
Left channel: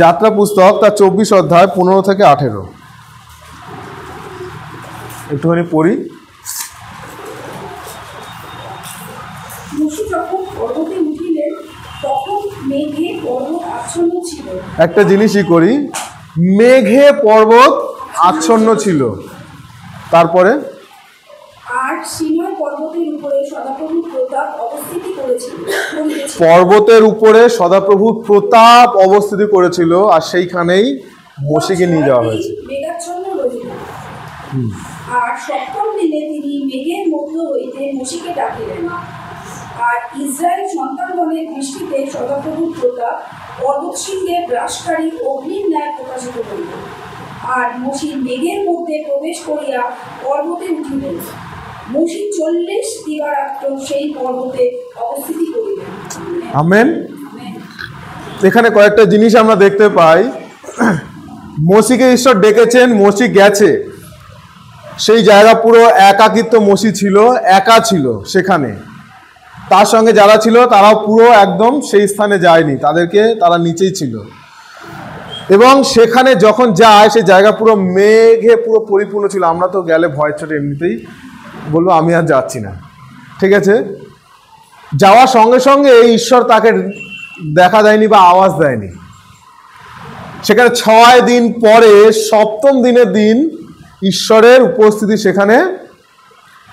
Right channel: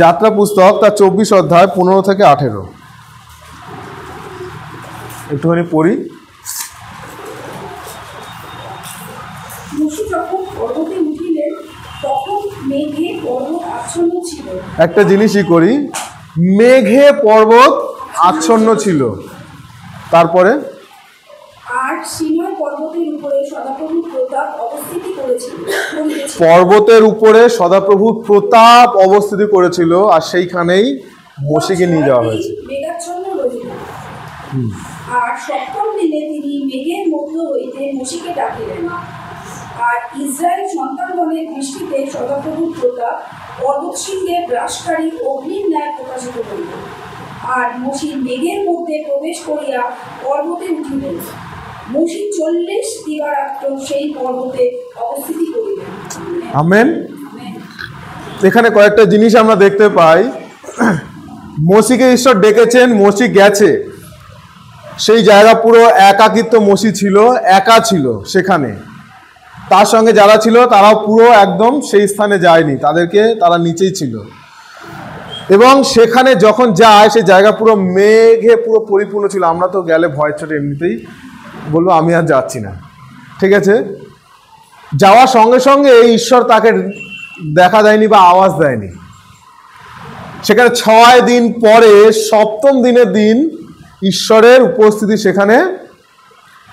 যাত্রা পুস্তক তার 24 অধ্যায় 15 থেকে 18 একটুখানি পড়ি। একটা জিনিসই করি, মেঘে পর্বত আচ্ছন্ন ছিল। তারপরে আর সিনয় পর্বতের উপরে সদাপ্রভু প্রতাপ অবস্থিতি করেছিল। পর্বতের উপরে সদাপ্রভু প্রতাপ অবস্থিতি করেছিল, আর সেইখানেই মসিকে নিয়ে যাওয়া হয়েছে। মেঘাচ্ছন্ন রহিল। আর সপ্তম দিনে তিনি মেঘের মধ্য হইতে মসিকে ডাকিলেন। আর ইসরায়েল সন্তানগণের দৃষ্টিতে সদাপ্রভুত্বতা পর্বতশৃঙ্গে গ্রাসকারী অগ্নির ন্যায় প্রকাশিত হইল। আর মসি মেঘের মধ্যে প্রবেশ করিয়া পর্বতে উঠিলেন। মসি 40 দিবারাত্র সেই পর্বতে অবস্থিতি করিলেন। আমেন। এখানে কয়েকটা জিনিস আমরা দেখতে পাই। মসিকে ঈশ্বর ডেকেছেন, মসি গেছে, সেই জায়গা পুরো একাকিত্ব, মসি ছিল, একা ছিল সেখানে। তার সঙ্গে যারা ছিল তারাও পুরো একদম সেই স্থানে যায়নি, তারা নিচেই ছিল। এবং সেখানে যখন যায় সেই জায়গা পুরো মেঘে পুরো পরিপূর্ণ ছিল। আমরা তো গেলে ভয় চটে এমনিতেই বলবো আমি আর যাচ্ছি না, ঠিক আছে। যাওয়ার সঙ্গে সঙ্গে ঈশ্বর তাকে দেখা দেয়নি বা আওয়াজ দেয়নি। সেখানে 6 দিন পরে 7ম দিনের দিন ঈশ্বরের উপস্থিতি সেখানে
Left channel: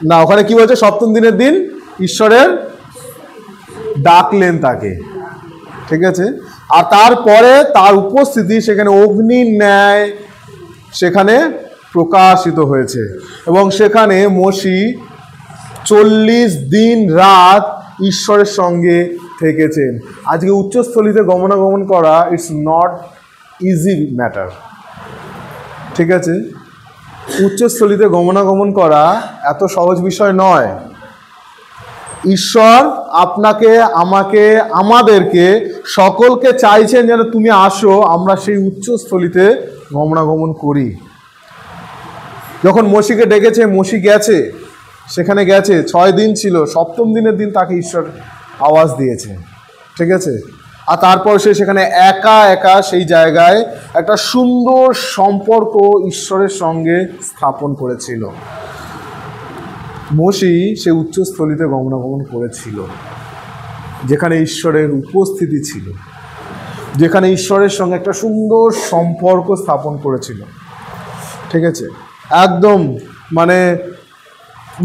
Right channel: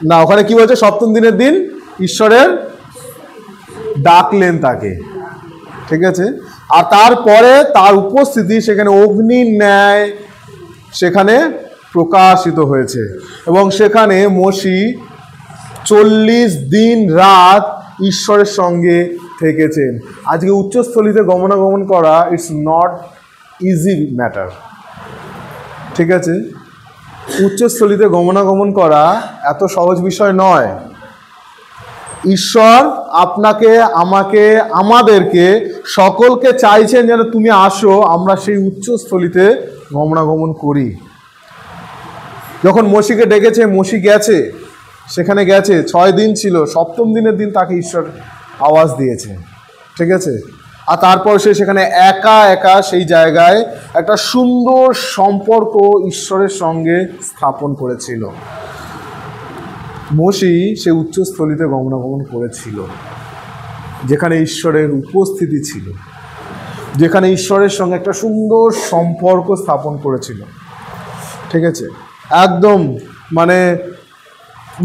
না, ওখানে কি বলছে, 7ম দিনের দিন ঈশ্বরের ডাকলেন তাকে, ঠিক আছে। আর তারপরে তার উপস্থিতি সেখানে অগ্নির ন্যায় সেখানে প্রকাশিত হয়েছে। এবং সেখানে মসি 40 দিন রাত ঈশ্বরের সঙ্গে থেকেছেন। আজকে উচ্চস্থলিতে গমনাগমন করা ইটস নট ইজি ম্যাটার, ঠিক আছে। উচ্চস্থলিতে গমনাগমন করা এত সহজ বিষয় নয়। ঈশ্বর আপনাকে, আমাকে, আমাদেরকে সকলকে চাইছেন যেন তুমি আসো, আমরা সেই উচ্চস্থলিতে গমনাগমন করি। যখন মসিকে ডেকেছে, মসি গেছে, সেখানে গেছে, 6 দিন ছিল, 7ম দিনের দিন তাকে ঈশ্বর আওয়াজ দিয়েছে, ঠিক আছে। আর তারপর সে সেখানে একা একা সেই জায়গায় একটা সুন্দর সম্পর্ক ঈশ্বরের সঙ্গে স্থাপন করেছিল। মসি সে উচ্চস্থলিতে গমনাগমন করেছিল, যেখানে ঈশ্বরের উপস্থিতি ছিল, যেখানে ঈশ্বরের সঙ্গে একটা সুন্দর সম্পর্ক স্থাপন করেছিল, ঠিক আছে। একদম মানে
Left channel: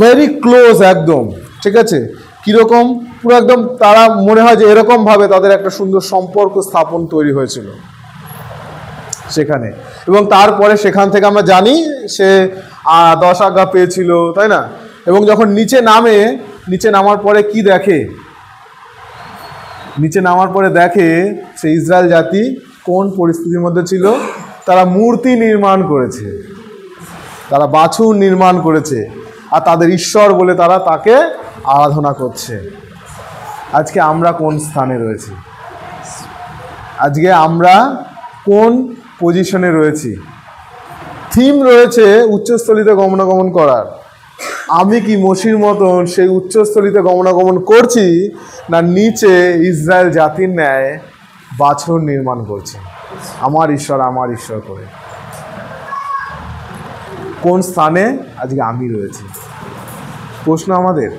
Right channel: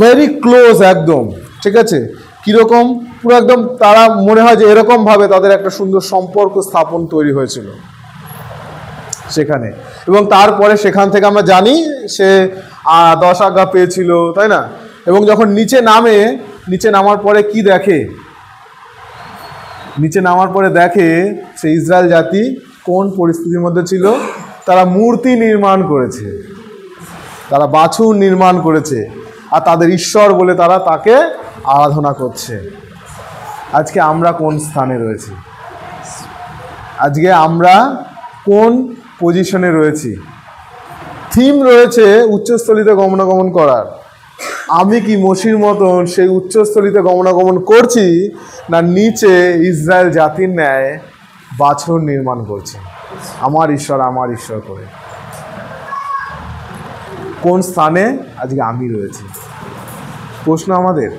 ভেরি ক্লোজ একদম, ঠিক আছে। কীরকম, পুরো একদম তারা মনে হয় যে এরকমভাবে তাদের একটা সুন্দর সম্পর্ক স্থাপন তৈরি হয়েছিল সেখানে। এবং তারপরে সেখান থেকে আমরা জানি সে 10 আজ্ঞা পেয়েছিল, তাই না। এবং যখন নিচে নামার পরে কি দেখে, নিচে নামার পরে দেখে সে ইসরায়েল জাতি কোন পরিস্থিতির মধ্যে ছিল। তারা মূর্তি নির্মাণ করেছে, তারা বাছুর নির্মাণ করেছে, আর তাদের ঈশ্বর বলে তারা তাকে আরাধনা করছে। আজকে আমরা কোন স্থানে রয়েছি? আজকে আমরা কোন পজিশনে রয়েছি? থিম রয়েছে উচ্চস্থলিতে গমনাগমন করার। আমি কি মসির মতন সেই উচ্চস্থলিতে গমনাগমন করছি, না নিচে ইসরায়েল জাতির ন্যায় বাছুর নির্মাণ করছি আমার ঈশ্বর করে? কোন স্থানে আজকে আমি রয়েছি? প্রশ্ন আমাদের,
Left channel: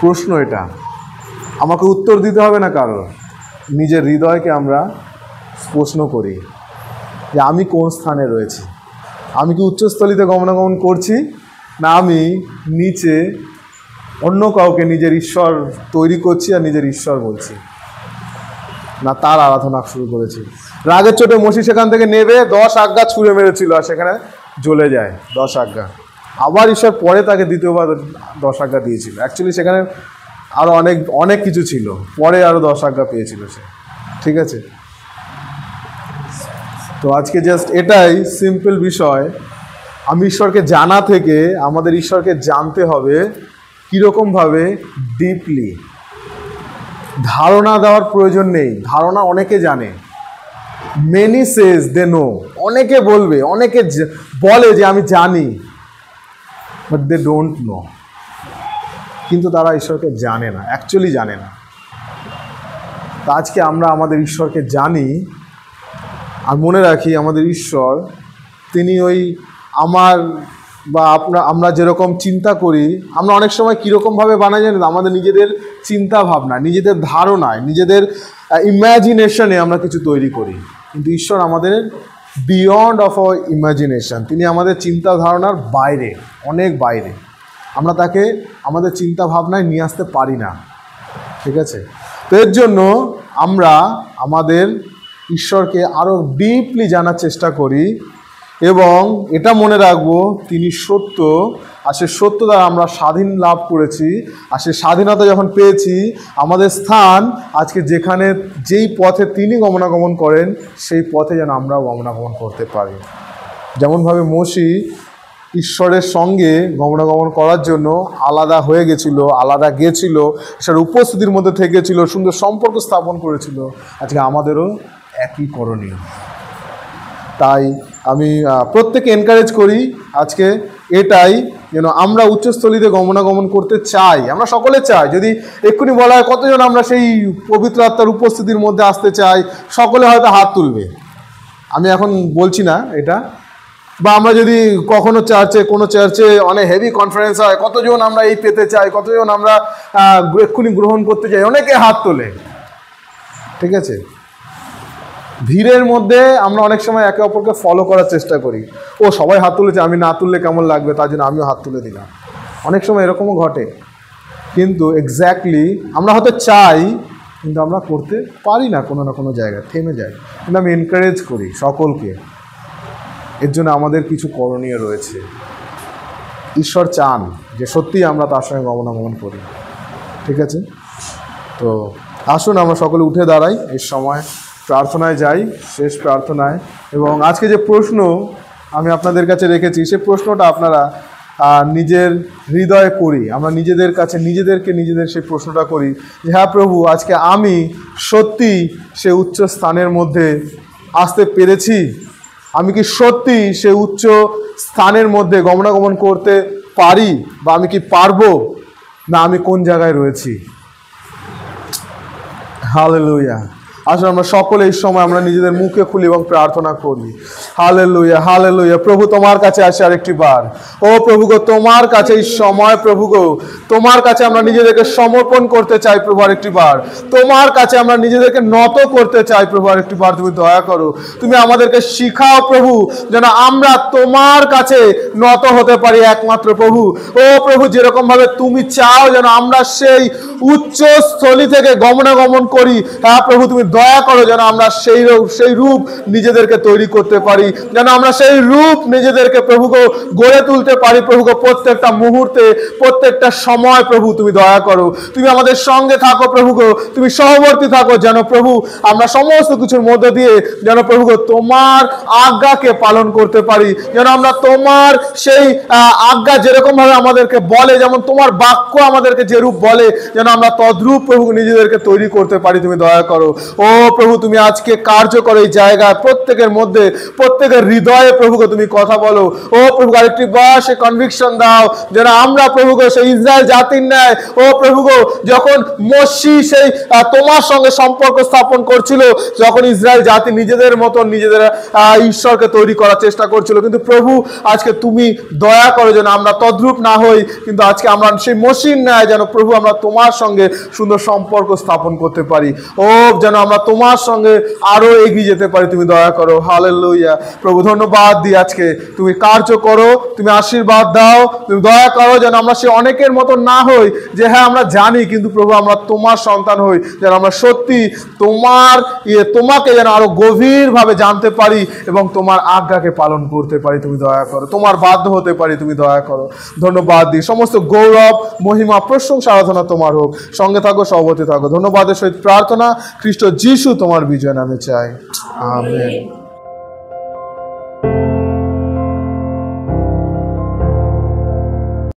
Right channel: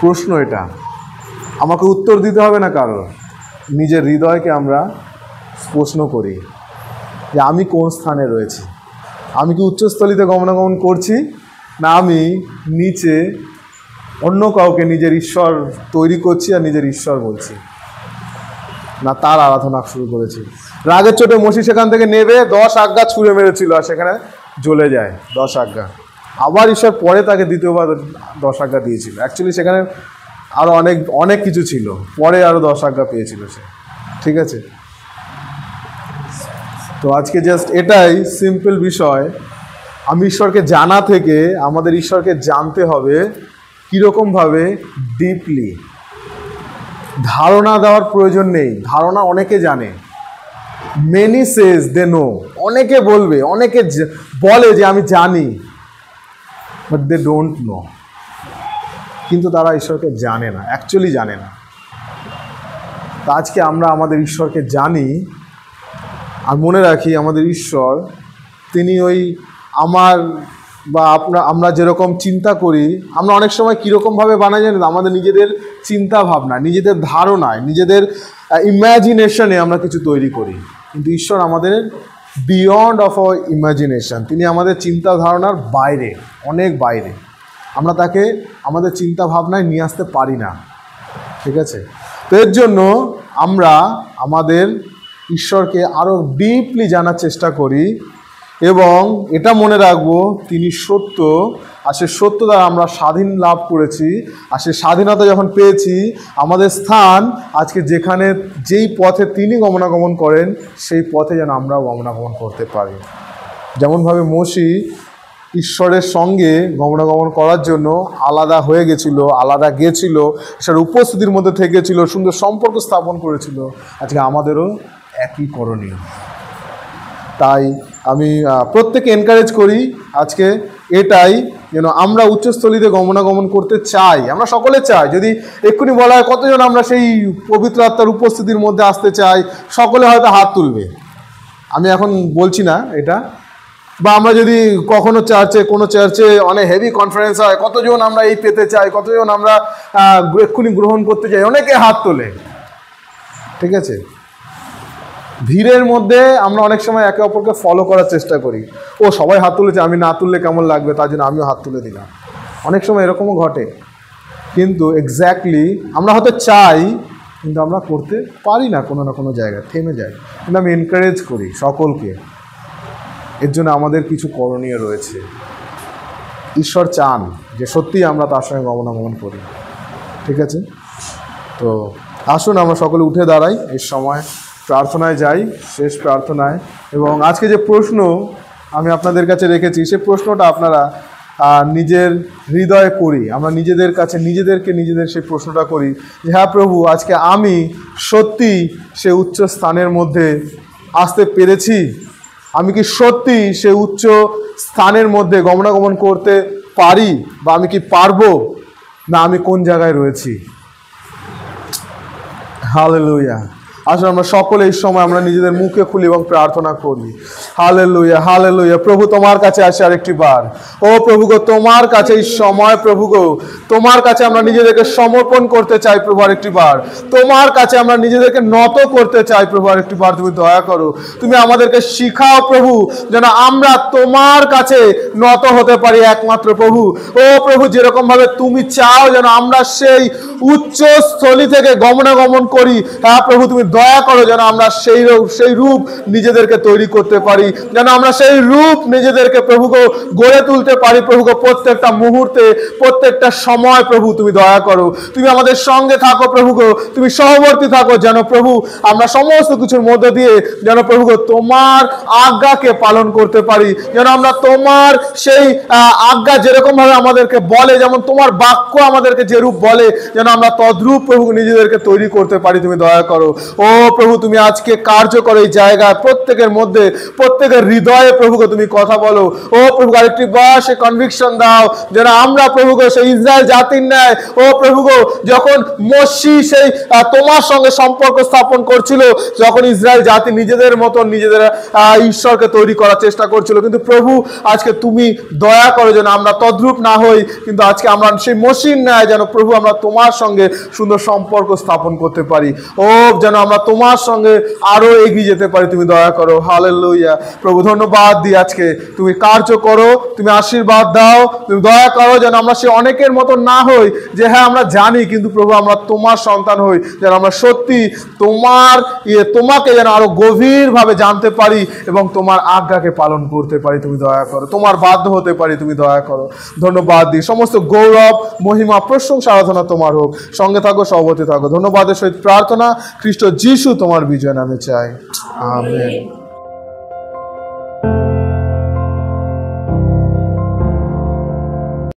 প্রশ্ন এটা। আমাকে উত্তর দিতে হবে না কারোর, নিজের হৃদয়কে আমরা প্রশ্ন করি যে আমি কোন স্থানে রয়েছি। আমি কি উচ্চস্থলিতে গমনাগমন করছি, না আমি নিচে অন্য কাউকে নিজের ঈশ্বর তৈরি করছি আর নিজের ঈশ্বর বলছি, না তার আরাধনা শুরু করেছি। রাগের চোটে মসি সেখান থেকে নেবে 10 আজ্ঞা ছুঁড়ে মেরেছিল, আর সেখানে জ্বলে যায় 10 আজ্ঞা। আবার ঈশ্বর পরে তাকে দ্বিতীয়বার 10 আজ্ঞা দিয়েছিল। অ্যাকচুয়ালি সেখানে আরও অনেক কিছু ছিল, পরে আরও 10 আজ্ঞা পেয়েছিল সে, ঠিক আছে। তো আজকে জাস্ট এটাই সিম্পল বিষয়। আমি ঈশ্বরকে জানা থেকে আমাদের ঈশ্বরকে জানতে হবে কীরকমভাবে, ডিপলি। ধারণা দেওয়ার প্রয়োজন নেই, ধারণা অনেকে জানে। মেনি সেজ দে নো, অনেকে বলবে, অনেকে বলে যে আমি জানি, বাট দে ডোন্ট নো। কিন্তু তারা ঈশ্বরকে জানে না, অ্যাকচুয়ালি জানে না। তা আজকে আমরা আমাদের ঈশ্বরকে জানি, আর মনে রাখি আমাদের ঈশ্বর তিনি ওই আমার বা আমরা যেরকম চিন্তা করি, আমরা অনেক সময় কীরকমভাবে বানাই জানি, আমাদের নিজেদের চিন্তা ভাবনা, নিজেদের ধারণায়, নিজেদের ইম্যাজিনেশনে আমরা কিছু তৈরি করি। কিন্তু ঈশ্বর আমাদের বিয়ন্ড অফ আওয়ার ইমাজিনেশন, তিনি আমাদের চিন্তা ধারণার বাইরে, অনেক বাইরে। আমরা তাকে আমাদের চিন্তা ভাবনায় নিয়ে আসতে পারি না, ঠিক আছে। তো এর জন্য আমরা আমাদের ঈশ্বরকে আরও ডিপলি জানার চেষ্টা করি এবং এটা মনে রাখবো তিনি সত্য, আর সে সত্য দ্বারা আমরা স্বাধীন লাভ করেছি। আর সে স্বাধীনতা যখন পেয়েছি, আমাদের স্থান আজকে যেখানে যেই পথে তিনি গমনাগমন করেন সেই পথে যেন আমরাও গমনাগমন করতে পারি। যেমনভাবে মোশি ঈশ্বরের সঙ্গে গমনাগমন করার জন্য আলাদা হয়ে গেছিল, আলাদা গেছিল, ঈশ্বরের উপস্থিতির মধ্যে থেকেছিল, সুন্দর সম্পর্ক স্থাপন করেছিল, আজকে আমাদেরও একই করণীয়। তাই আমি প্রত্যেকে এনকারেজ করি আজকে এটাই, যেন আমরা উচ্চস্থলিতে গমনাগমন করতে চাই। আমরা সকলে চাই। যদি এক্ষুনি বলা হয় কতজন আমরা সেই পবিত্র আত্মার উপস্থিতির মধ্যে আসতে চাই, সকলে হয়তো হাত তুলবে। আমি এখন বলছি না এটা। বা আমরা যদি কখনো কোনো চার্চে অনেক হেভি কনফারেন্স হয়, কতজন আমরা এই পেতে চাই, কতজন আমরা এক্ষুনি গ্রহণ করতে চাই, অনেকে হাত তোলে। ঠিক আছে, ভিড়ের মধ্যে আমরা অনেক সময় একে অপরকে ফলো করার চেষ্টা করি। ও সবাই হাত তুলেছে, আমি না তুললে কেমন লাগবে, তার জন্য আমিও হাত তুলে দিলাম। অনেক সময় এরকমও ঘটে। কিন্তু এক্স্যাক্টলি আমরা হয়তো চাই, কিন্তু আমরা করতে পারি না, কোনো না কোনো জায়গায় থেমে যাই। কিন্তু আমি এনকারেজ করি সকলকে, এর জন্য আমাদের কিছু করণীয় রয়েছে। ঈশ্বর চান যে সত্যিই আমরা তার সঙ্গে গমনাগমন করি। ঠিক আছে, তো আসুন আমরা সকলে উঠে দাঁড়াই, এই সময় প্রার্থনায় যাই, শেষ প্রার্থনায়। এবং আজকে যে প্রশ্ন আমি আপনাদের কাছে রেখেছি, সে প্রশ্নটা আপনারা নিজের হৃদয়ে করি। আমরা নিজেদের কাছে নিজেদের সেই প্রশ্নটা করি যে হ্যাঁ প্রভু, আজকে আমি সত্যি সে উচ্চ স্থানের মধ্যে আসতে পেরেছি? আমি কি সত্যি সে উচ্চ স্থানের মধ্যে গমনাগমন করতে পারি, বা আমি কি পারবো, না আমি কোন জায়গায় রয়েছি? হালেলুয়া। আসলে আমরা সকলে এই সময় আমরা নিজেদের মুখে খুলি এবং প্রার্থনা করি। Hallelujah, hallelujah. প্রভু তোমার কাছে আসে আরেকটি বার। ও প্রভু গো, তোমার কাছে এই সময় প্রভু গো, তোমার কাছে আমরা নিজেদেরকে সমর্পণ করতে চাই প্রভু আরেকটি বার। তোমার কাছে আমরা নিজেদেরকে নত করতে চাই প্রভু আরেকটি বার। তুমি দয়া করো, তুমি আমাদেরকে শিখাও প্রভু, যেন আমরা তোমার কাছে নত হতে পারি একমাত্র প্রভু। ও প্রভু, যেরকম ভাবে তুমি চাও যেন আমরা সেই উচ্চ স্থলী থেকে গমনাগমন করি, হ্যাঁ প্রভু তুমি দয়া করো যেন আমরা সেই রূপ নিজেদেরকে তৈরি করতে পারি, যেন আমরা সেই রূপ নিজেদেরকে প্রভু গো গড়ে তুলতে পারি প্রভু গো। প্রত্যেকটা মুহূর্তে, প্রত্যেকটা সময় প্রভু তুমি দয়া করো, তুমি আমাদের সঙ্গে থাকো প্রভু গো, তুমি সহবর্তী থাকো, যেন প্রভু আমরা সমস্ত কিছুর মধ্যে দিয়ে যেন প্রভু গো তোমার আজ্ঞাকে পালন করতে পারি, যেন আমরা তোমার সেই আজ্ঞা যেরকম ভাবে আমাদেরকে বলে, যেমন তোমার বাক্য আমাদেরকে যে রূপ বলে, যেন আমরা তদ্রূপ প্রভু নিজেদেরকে তৈরি করতে পারি। তুমি দয়া করো। ও প্রভু, তুমি আজকে কার্য করো এই জায়গায়, প্রত্যেকের মধ্যে, প্রত্যেকের হৃদয়ে প্রভু গো তুমি কথা বলো। ও প্রভু আরেকটি বার সে কনভিকশন দাও যেন আমরা প্রভু গো সেই ইসরায়েল জাতির ন্যায়, ও প্রভু গো যখন মোশি সেই তোমার সঙ্গে সম্পর্ক স্থাপন করছিল, যখন ইসরায়েল জাতি নিজেদের মতন নিজেদের ঈশ্বরকে তৈরি করার চেষ্টা করছিল, কিন্তু প্রভু আজকে তুমি দয়া করো যেন আমরা তদ্রূপ না হই, কিন্তু আজকে আমরা সেই মোশির ন্যায় যেন প্রভু আমরা তোমার সঙ্গে সুন্দর সম্পর্ক স্থাপন করতে পারি। ও যেন আমরা তোমার সঙ্গে আরো এগিয়ে যেতে পারি। তুমি দয়া করো। হালেলুয়া। প্রভু ধন্যবাদ দিই, আজকে তুমি কার্য করো, তুমি আশীর্বাদ দাও, তুমি দয়া করো যেন আমরা সে অনেকের মতো না হই যে হ্যাঁ আমরা জানি, কিন্তু প্রভু আমরা তোমার সন্তান হই, যেন আমরা সত্যি তোমাকে যেন আরো গভীর ভাবে জানতে পারি এবং তোমার আজ্ঞাকে পালন করতে পারি। তুমি দয়া করো, তোমার বাধ্য হতে পারি। তুমি দয়া করো। ধন্যবাদ দিই। সমস্ত গৌরব, মহিমা, প্রশংসা, আরাধনা তোমার হোক। সঙ্গে থাকো, সহবর্তী থাকো। ধন্যবাদের সহিত প্রার্থনা খ্রিস্ট যিশু তোমার বিজয় নামে চাই। আমেন।